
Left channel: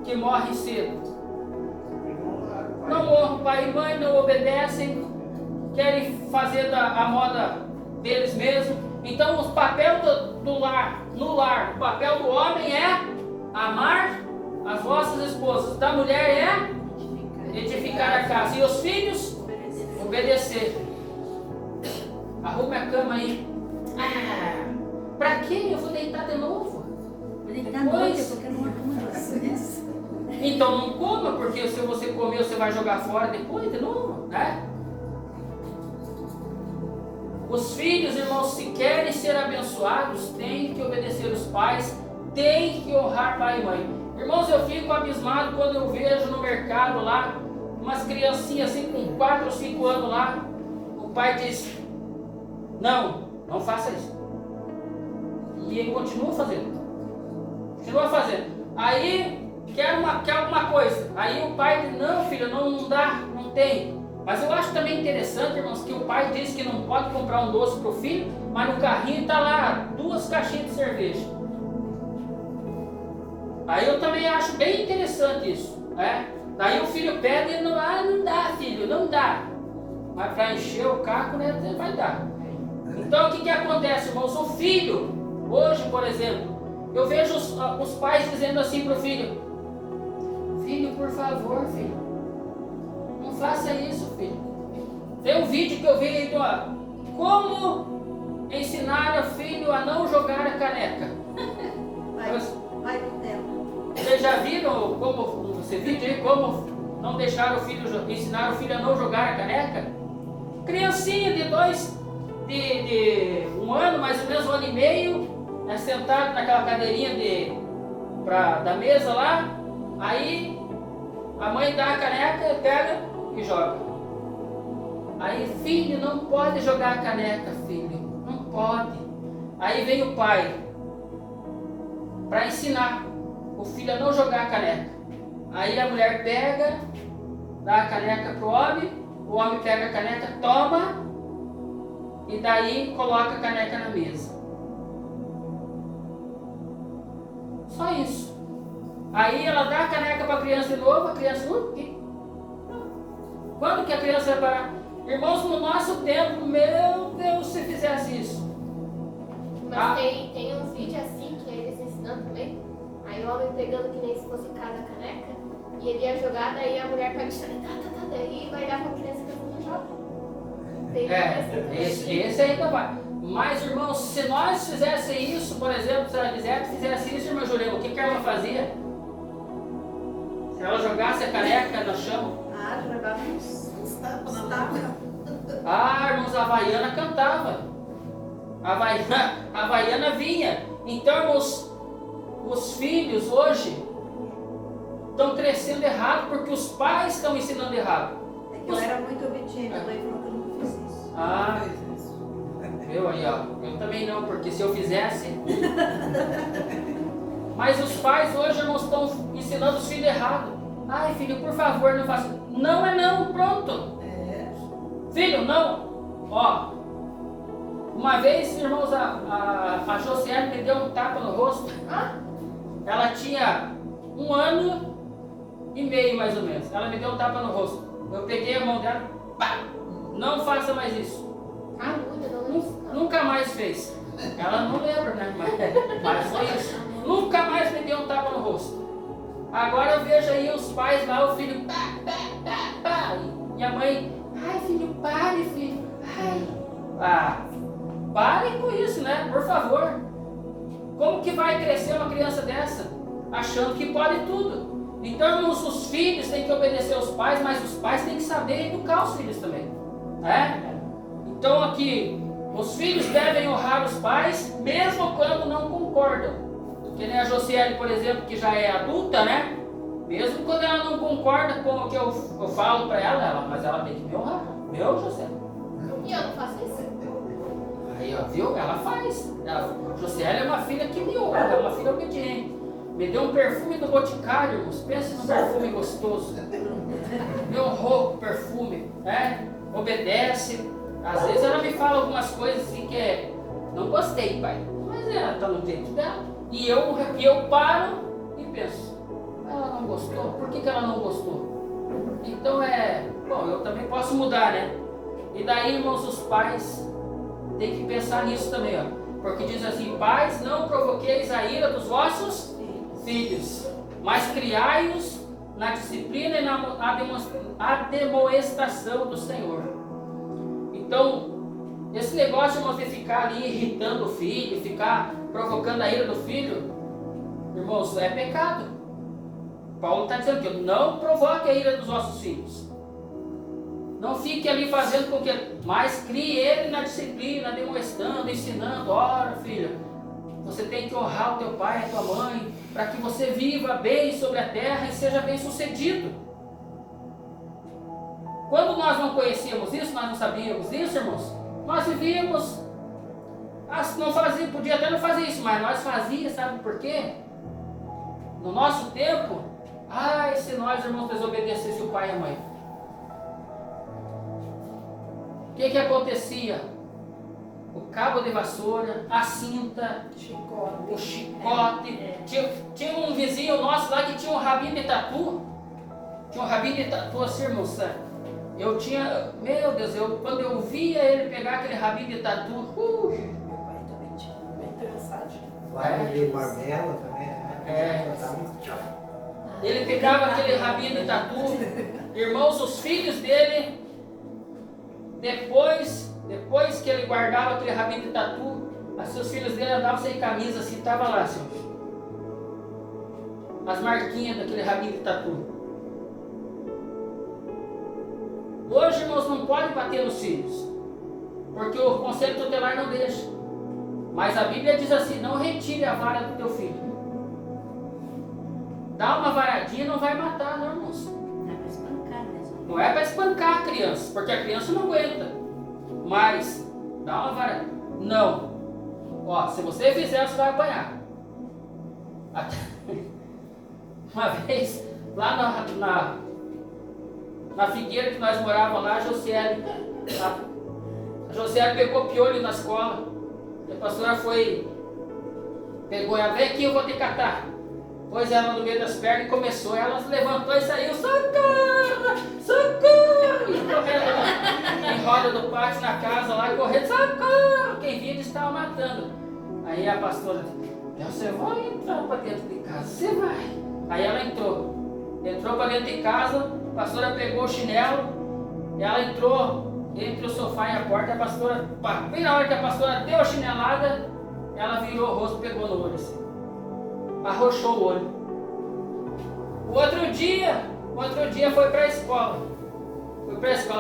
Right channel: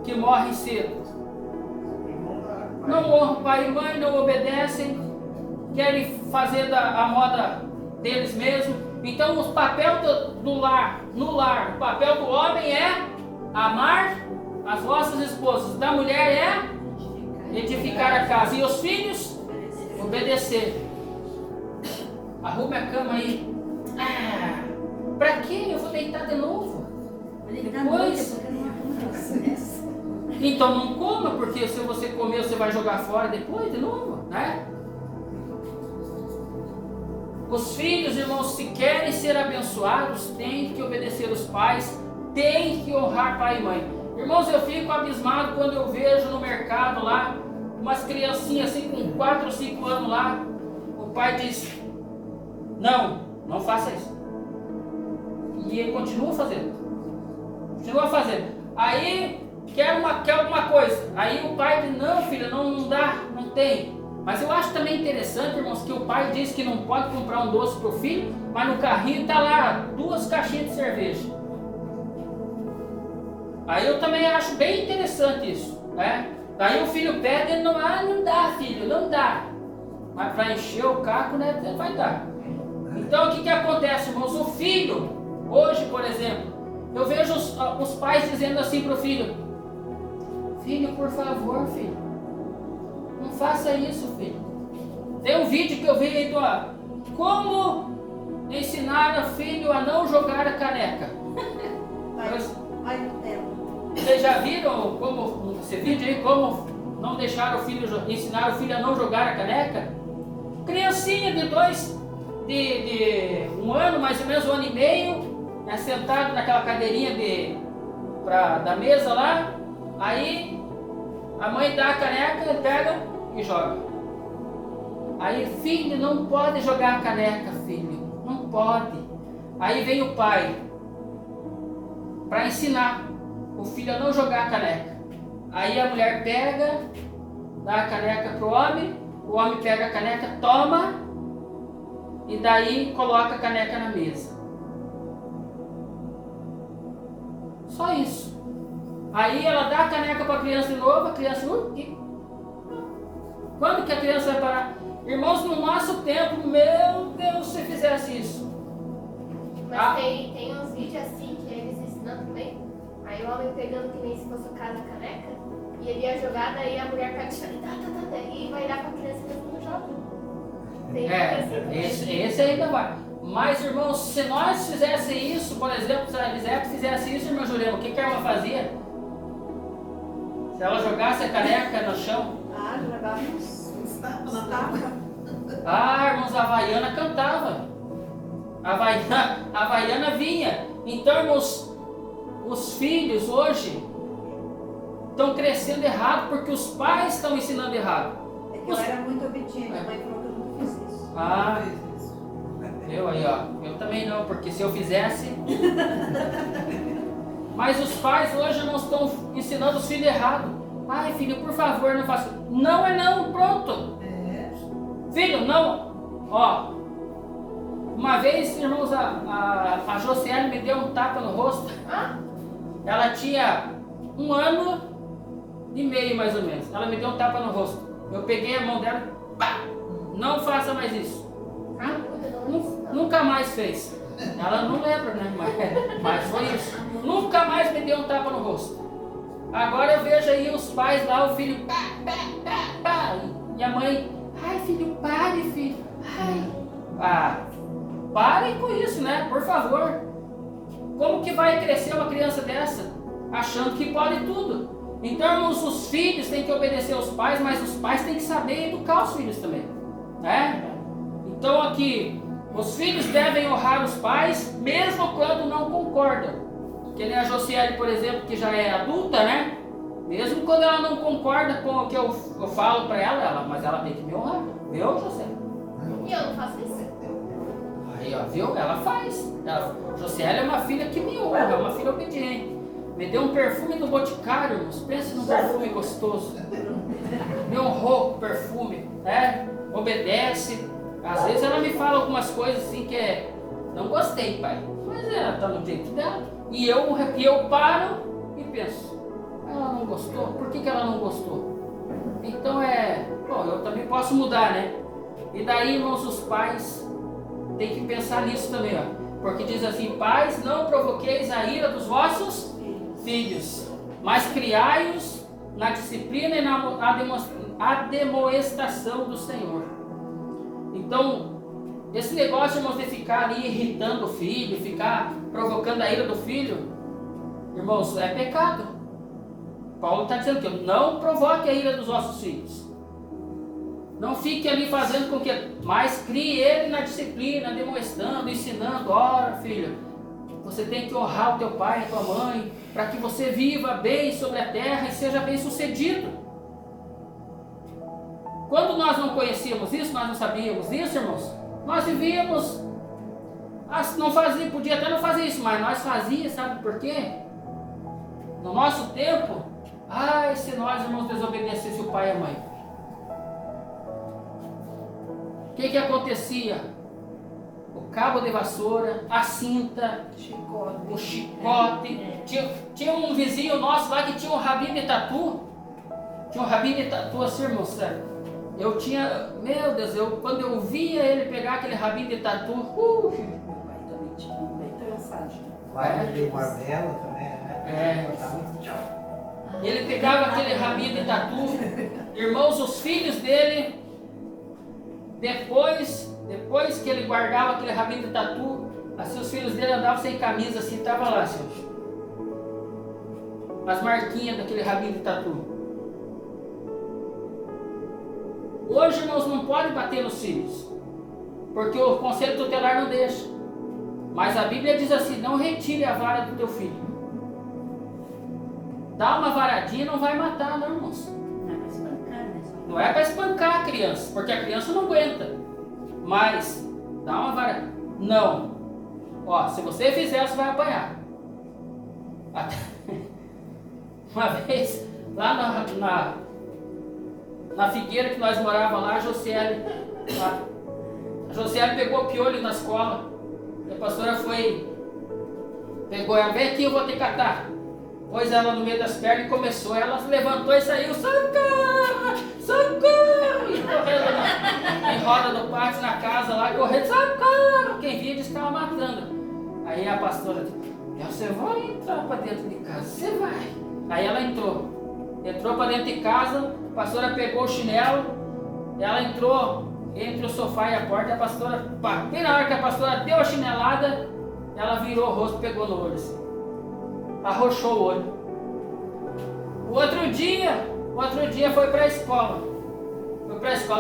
que morrem cedo? Não honram pai e mãe, não obedecem, querem fazer a moda deles mesmos. Então o papel do lar, no lar, o papel do homem é amar as vossas esposas, da mulher é edificar a casa, e os filhos obedecer. Arrume a cama aí. Pra quê? Eu vou deitar de novo. Depois. Então não coma, porque se você comer você vai jogar fora depois de novo, né? Os filhos, irmãos, se querem ser abençoados, têm que obedecer os pais, têm que honrar pai e mãe. Irmãos, eu fico abismado quando eu vejo no mercado lá, umas criancinhas assim com 4 ou 5 anos lá, o pai diz, não faça isso. E ele continua fazendo. Aí, quer alguma coisa. Aí o pai diz, não filho, não dá, não tem. Mas eu acho também interessante, irmãos, que o pai diz que não pode comprar um doce para o filho, mas no carrinho está lá 2 caixinhas de cerveja. Aí eu também acho bem interessante isso, né? Daí o filho pede e não dá filho, não dá. Mas para encher o caco, né, vai dar. Então o que acontece, irmãos? O filho, hoje por exemplo, eu vejo os pais dizendo assim para o filho, filho, por favor, filho, não faça isso, filho. Tem um vídeo que eu vi aí do como ensinar o filho a não jogar a caneca. Vai no tempo. Vocês já viram como esse vídeo aí, como não deixar o filho, ensinar o filho a não jogar a caneca? Criancinha de 1 ano, mais ou menos 1 ano e meio, sentado naquela cadeirinha da mesa lá, aí a mãe dá a caneca, pega e joga. Aí, filho, não pode jogar a caneca, filho, não pode. Aí vem o pai para ensinar o filho a não jogar a caneca. Aí a mulher pega, dá a caneca pro homem, o homem pega a caneca, toma, e daí coloca a caneca na mesa. Só isso. Aí ela dá a caneca para a criança de novo, a criança... Quando que a criança vai parar? Irmãos, no nosso tempo, meu Deus, se fizesse isso. Mas tem uns vídeos assim que eles ensinando também. Aí o homem pegando que nem se fosse o cara da caneca, e ele ia jogar, daí a mulher pega e vai dar com a criança e todo mundo joga. Esse ainda vai. Mas, irmãos, se nós fizéssemos isso, por exemplo, se a Lisete fizesse isso, irmã Jurema, o que a irmã fazia? Se ela jogasse a caneca no chão? Jogava uns tapas. Irmãos, a Havaiana cantava. A Havaiana vinha. Então, irmãos, os filhos hoje estão crescendo errado porque os pais estão ensinando errado. É que eu era muito obediente, a mãe falou que eu nunca fiz isso. Eu aí, ó. Eu também não, porque se eu fizesse... Mas os pais hoje não estão ensinando os filhos errado. Ai, filho, por favor, não faça. Não é não, pronto. Filho, não. Ó, uma vez, irmãos, a Josiane me deu um tapa no rosto. Ela tinha 1 ano e meio, mais ou menos. Ela me deu um tapa no rosto. Eu peguei a mão dela, pá, não faça mais isso. Nunca mais fez. Ela não lembra, né? Mas foi isso. Nunca mais me deu um tapa no rosto. Agora eu vejo aí os pais lá, o filho, pá, e a mãe, ai filho, pare, filho. Parem com isso, né? Por favor. Como que vai crescer uma criança dessa? Achando que pode tudo. Então, irmãos, os filhos têm que obedecer aos pais, mas os pais têm que saber educar os filhos também, né? Então aqui, os filhos devem honrar os pais, mesmo quando não concordam. Que nem a Josiane, por exemplo, que já é adulta, né? Mesmo quando ela não concorda com o que eu falo para ela, mas ela tem que me honrar. Viu, Josiane? E eu não faço isso? Aí, ó, viu? Ela faz. Josiane é uma filha que me honra, é uma filha obediente. Me deu um perfume do Boticário, irmãos. Pense num perfume gostoso. Me honrou com perfume, né? Obedece. Às vezes ela me fala algumas coisas assim que não gostei, pai. Mas ela tá no tempo dela. E eu paro e penso, ela não gostou? Por que ela não gostou? Então bom, eu também posso mudar, né? E daí, irmãos, os pais têm que pensar nisso também, ó. Porque diz assim, pais, não provoqueis a ira dos vossos filhos, mas criai-os na disciplina e na demonstração do Senhor. Então, esse negócio, irmãos, de ficar ali irritando o filho, ficar provocando a ira do filho, irmãos, é pecado. Paulo está dizendo que não provoque a ira dos vossos filhos. Não fique ali fazendo com que... Mas crie ele na disciplina, demonstrando, ensinando. Ora, filho, você tem que honrar o teu pai e a tua mãe, para que você viva bem sobre a terra e seja bem sucedido. Quando nós não conhecíamos isso, nós não sabíamos isso, irmãos, nós vivíamos, não fazia, podia até não fazer isso, mas nós fazíamos, sabe por quê? No nosso tempo, e se nós, irmãos, desobedecêssemos o pai e a mãe? O que acontecia? O cabo de vassoura, a cinta, o chicote. Tinha um vizinho nosso lá que tinha um rabinho de tatu. Tinha um rabinho de tatu assim, irmãos. Eu tinha, meu Deus, quando eu via ele pegar aquele rabinho de tatu, Meu pai também tinha bem trançadinho. Lá de Barbela também, né? Ele pegava aquele rabinho de tatu. Irmãos, os filhos dele, depois que ele guardava aquele rabinho de tatu, assim, os filhos dele andavam sem camisa, assim, estava lá, assim, as marquinhas daquele rabinho de tatu. Hoje, irmãos, não pode bater nos filhos, porque o conselho tutelar não deixa. Mas a Bíblia diz assim, não retire a vara do teu filho. Dá uma varadinha não vai matar, não, irmãos. Não é para espancar, né? Não é para espancar a criança, porque a criança não aguenta. Mas, dá uma vara. Não. Ó, se você fizer, você vai apanhar. Uma vez, lá na figueira que nós morávamos lá, a Josiele pegou piolho na escola. E a pastora pegou ela, vem aqui, eu vou te catar. Pôs ela no meio das pernas e começou. Ela se levantou e saiu, socorro, socorro! E correndo em roda do pátio, na casa lá, correndo, socorro! Quem via, eles estavam matando. Aí a pastora disse, você vai entrar para dentro de casa, você vai. Aí ela entrou para dentro de casa, a pastora pegou o chinelo, ela entrou entre o sofá e a porta, a pastora, bem na hora que a pastora deu a chinelada, ela virou o rosto, pegou no olho assim. Arrochou o olho. O outro dia foi para a escola.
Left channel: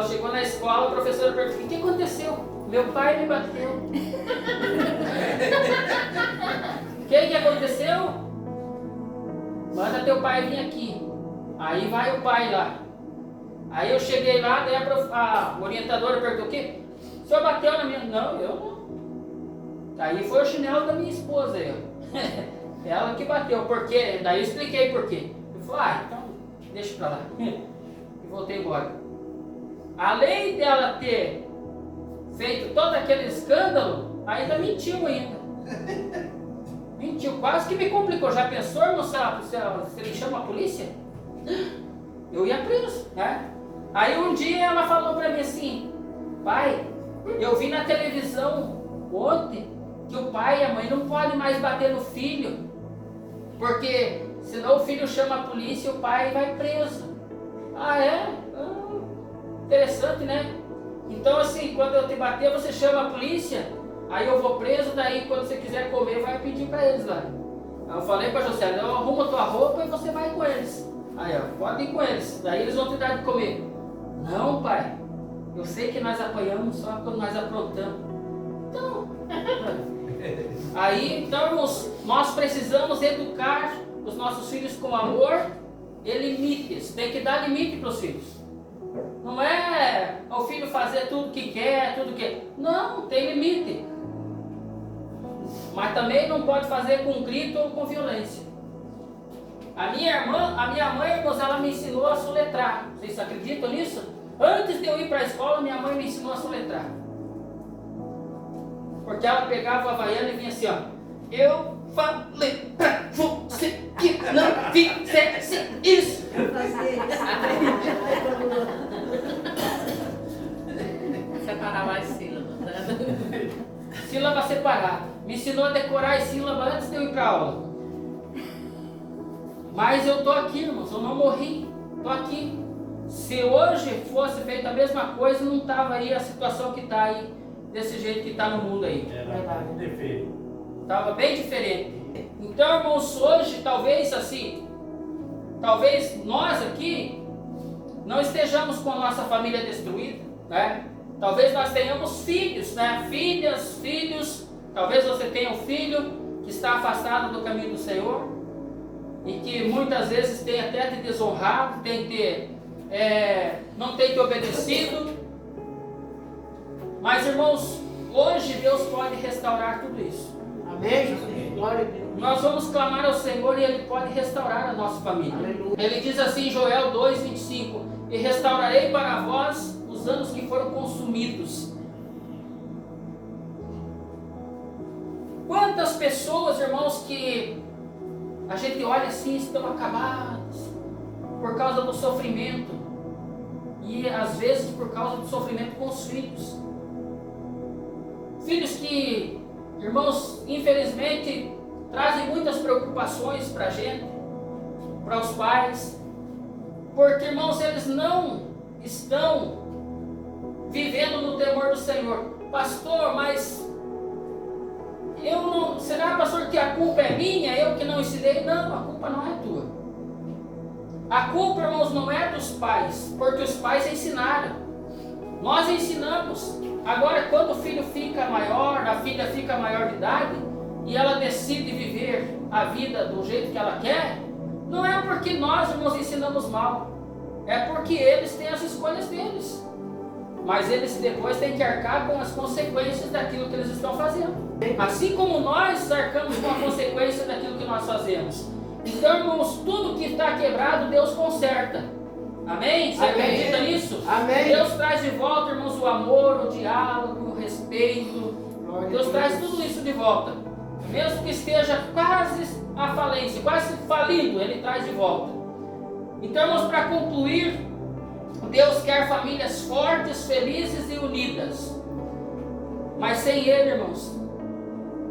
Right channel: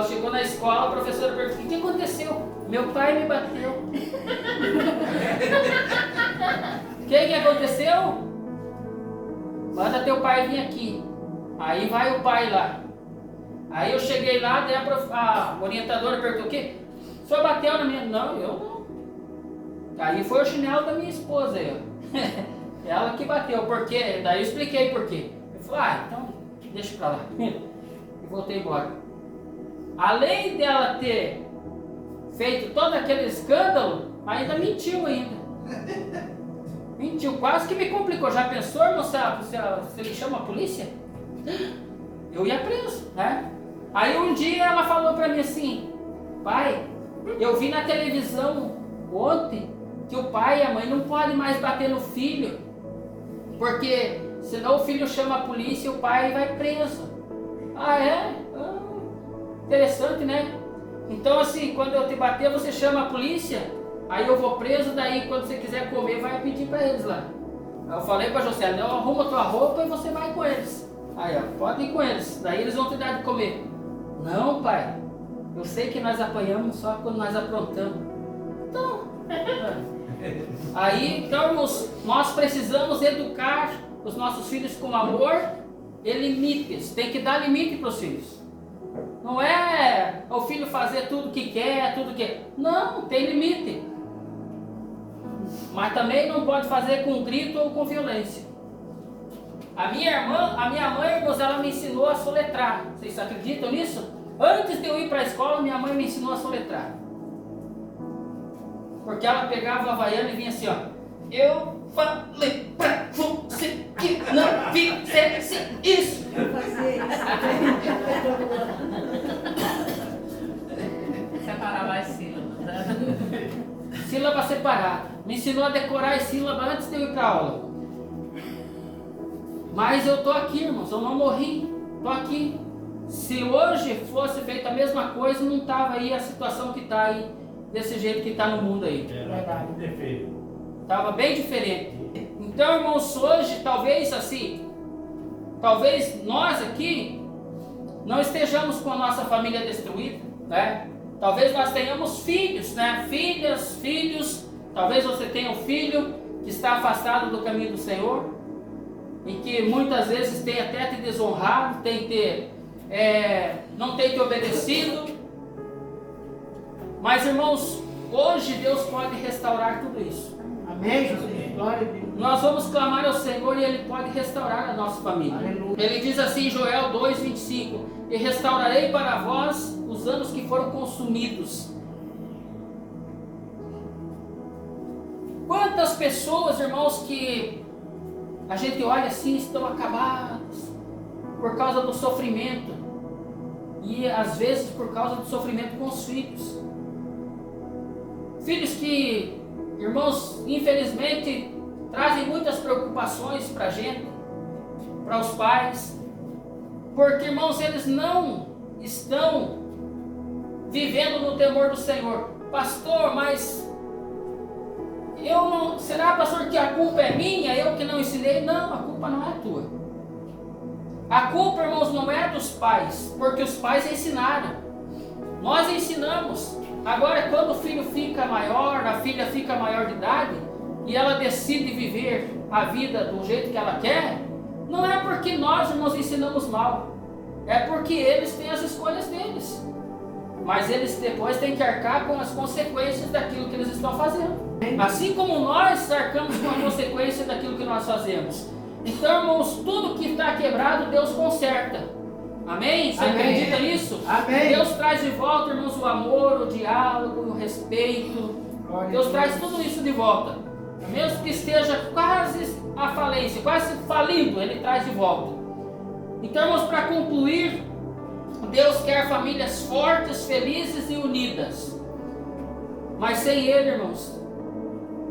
Chegou na escola, a professora perguntou, o que aconteceu? Meu pai me bateu. O que aconteceu? Manda teu pai vir aqui. Aí vai o pai lá. Aí eu cheguei lá, daí a orientadora perguntou, o quê? O senhor bateu na minha... Não, eu não. Aí foi o chinelo da minha esposa aí, ó. Ela que bateu, por quê? Daí eu expliquei por quê. Ele falou, então deixa pra lá. E voltei embora. Além dela ter feito todo aquele escândalo, ainda mentiu ainda. Mentiu, quase que me complicou. Já pensou, irmão, se ele chama a polícia? Eu ia preso, né? Aí um dia ela falou pra mim assim, pai, eu vi na televisão ontem que o pai e a mãe não podem mais bater no filho, porque senão o filho chama a polícia e o pai vai preso. Ah, é? Interessante, né? Então assim, quando eu te bater, você chama a polícia, aí eu vou preso, daí quando você quiser comer, vai pedir para eles lá. Aí eu falei para José, não, arruma tua roupa e você vai com eles. Aí, ó, pode ir com eles, daí eles vão te dar de comer. Não, pai, eu sei que nós apanhamos só quando nós aprontamos. Então, aí, então, nós precisamos educar os nossos filhos com amor e limites. Tem que dar limite para os filhos. Não é o filho fazer tudo que quer, Não, tem limite. Mas também não pode fazer com grito ou com violência. A minha mãe, irmãos, ela me ensinou a soletrar. Vocês acreditam nisso? Antes de eu ir para a escola, minha mãe me ensinou a soletrar. Porque ela pegava o havaiano e vinha assim, ó. Eu falei pra você que não fizesse isso. Eu fazia isso. Separar mais sílabas, né? Sílaba separada. Me ensinou a decorar as sílabas antes de eu ir para aula. Mas eu estou aqui, irmãos, eu não morri. Estou aqui. Se hoje fosse feita a mesma coisa, não estava aí a situação que está aí, desse jeito que está no mundo aí. Era um defeito. Estava bem diferente. Então, irmãos, hoje, talvez assim, talvez nós aqui não estejamos com a nossa família destruída, né? Talvez nós tenhamos filhos, né? Filhas, filhos. Talvez você tenha um filho que está afastado do caminho do Senhor e que muitas vezes tem até te desonrado, não tem te obedecido. Mas, irmãos, hoje Deus pode restaurar tudo isso. Amém, Jesus. Glória a Deus. Nós vamos clamar ao Senhor e Ele pode restaurar a nossa família. Aleluia. Ele diz assim em Joel 2,25: e restaurarei para vós os anos que foram consumidos. Quantas pessoas, irmãos, que a gente olha assim, estão acabadas por causa do sofrimento, e às vezes por causa do sofrimento com os filhos. Filhos que, irmãos, infelizmente trazem muitas preocupações para a gente, para os pais, porque, irmãos, eles não estão vivendo no temor do Senhor. Pastor, mas eu não... Será, pastor, que a culpa é minha? Eu que não ensinei? Não, a culpa não é tua. A culpa, irmãos, não é dos pais, porque os pais ensinaram. Nós ensinamos. Agora, quando o filho fica maior, a filha fica maior de idade, e ela decide viver a vida do jeito que ela quer, não é porque nós, irmãos, ensinamos mal. É porque eles têm as escolhas deles. Mas eles depois têm que arcar com as consequências daquilo que eles estão fazendo. Assim como nós arcamos com a consequência daquilo que nós fazemos. Então, irmãos, tudo que está quebrado, Deus conserta. Amém? Você acredita nisso? Amém. Deus traz de volta, irmãos, o amor, o diálogo, o respeito. Deus traz tudo isso de volta. Mesmo que esteja quase à falência, quase falindo, Ele traz de volta. Então, irmãos, para concluir, Deus quer famílias fortes, felizes e unidas. Mas sem Ele, irmãos,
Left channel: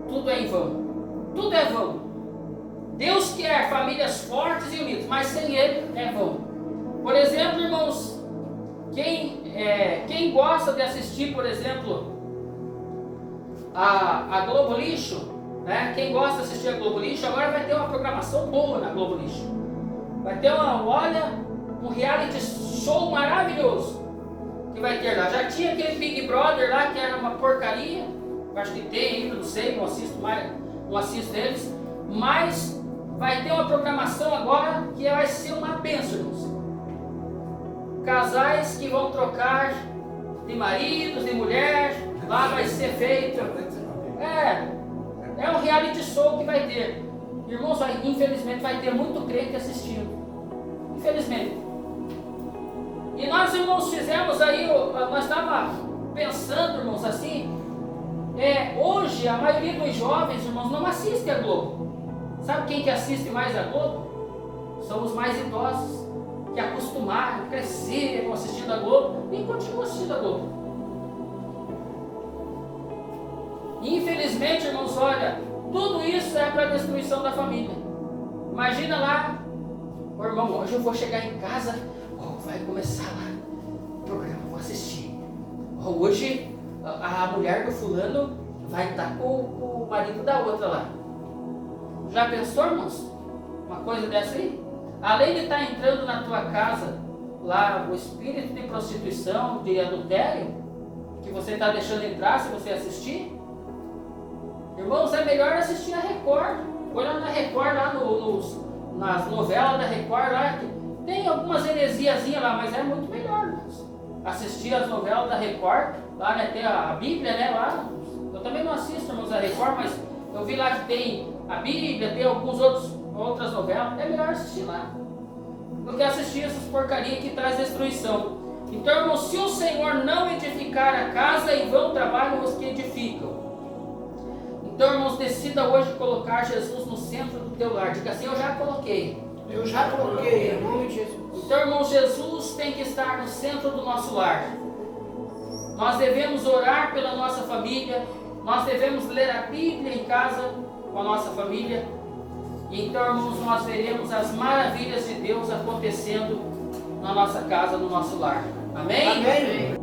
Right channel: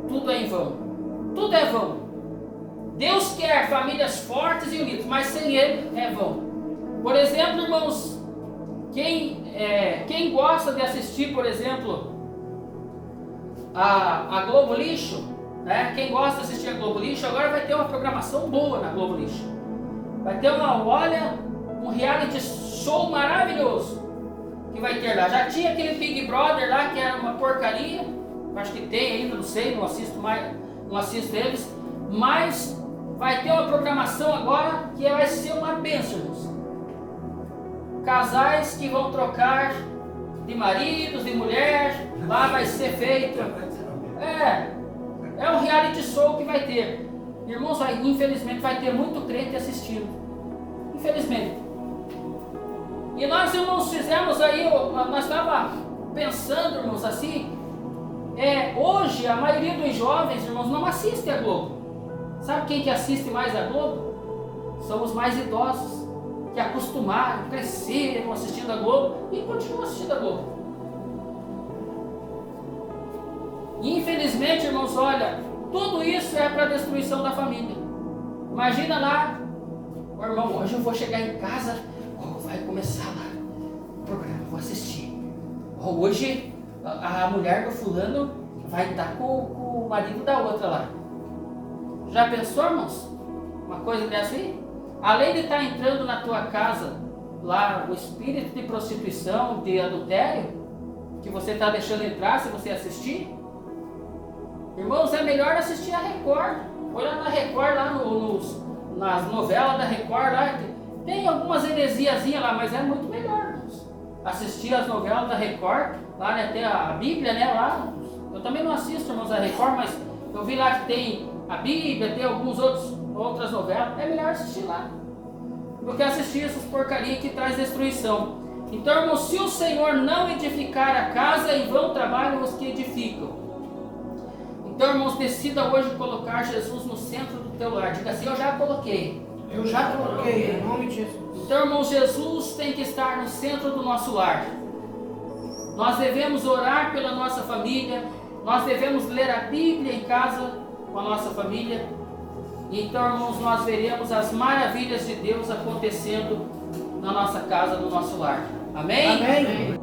tudo é em vão. Tudo é vão. Deus quer famílias fortes e unidas, mas sem Ele é vão. Por exemplo, irmãos, quem gosta de assistir, por exemplo, a Globo Lixo, né? Quem gosta de assistir a Globo Lixo, agora vai ter uma programação boa na Globo Lixo. Vai ter um reality show maravilhoso que vai ter lá. Já tinha aquele Big Brother lá que era uma porcaria. Acho que tem ainda, não sei, não assisto eles. Mas vai ter uma programação agora que vai ser uma bênção, irmãos. Casais que vão trocar de maridos, de mulher, lá vai ser feito. É um reality show que vai ter. Irmãos, infelizmente vai ter muito crente assistindo. Infelizmente. E nós, irmãos, fizemos aí, nós estávamos pensando, irmãos, assim, hoje a maioria dos jovens, irmãos, não assiste a Globo. Sabe quem que assiste mais a Globo? São os mais idosos, que acostumaram, cresceram assistindo a Globo e continuam assistindo a Globo. Infelizmente, irmãos, olha, tudo isso é para a destruição da família. Imagina lá, irmão, hoje eu vou chegar em casa, vai começar lá o programa, vou assistir. Hoje a mulher do fulano vai estar com o marido da outra lá. Já pensou, irmãos? Uma coisa dessa aí? Além de estar entrando na tua casa lá o espírito de prostituição, de adultério, que você está deixando entrar se você assistir, irmãos, é melhor assistir a Record. Olha na Record, lá nas novelas da Record, lá tem algumas heresiazinhas lá, mas é muito melhor, irmãos. Assistir as novelas da Record, lá, né, tem a Bíblia, né, lá. Eu também não assisto, irmãos, a Record, mas eu vi lá que tem a Bíblia, tem outras novelas. É melhor assistir lá do que assistir essas porcarias que traz destruição. Então, irmãos, se o Senhor não edificar a casa, em vão trabalham os que edificam. Então, irmãos, decida hoje colocar Jesus no centro do teu lar. Diga assim: eu já coloquei. Eu já coloquei, em nome de Jesus. Então, irmãos, Jesus tem que estar no centro do nosso lar. Nós devemos orar pela nossa família. Nós devemos ler a Bíblia em casa com a nossa família. E então, irmãos, nós veremos as maravilhas de Deus acontecendo na nossa casa, no nosso lar. Amém? Amém.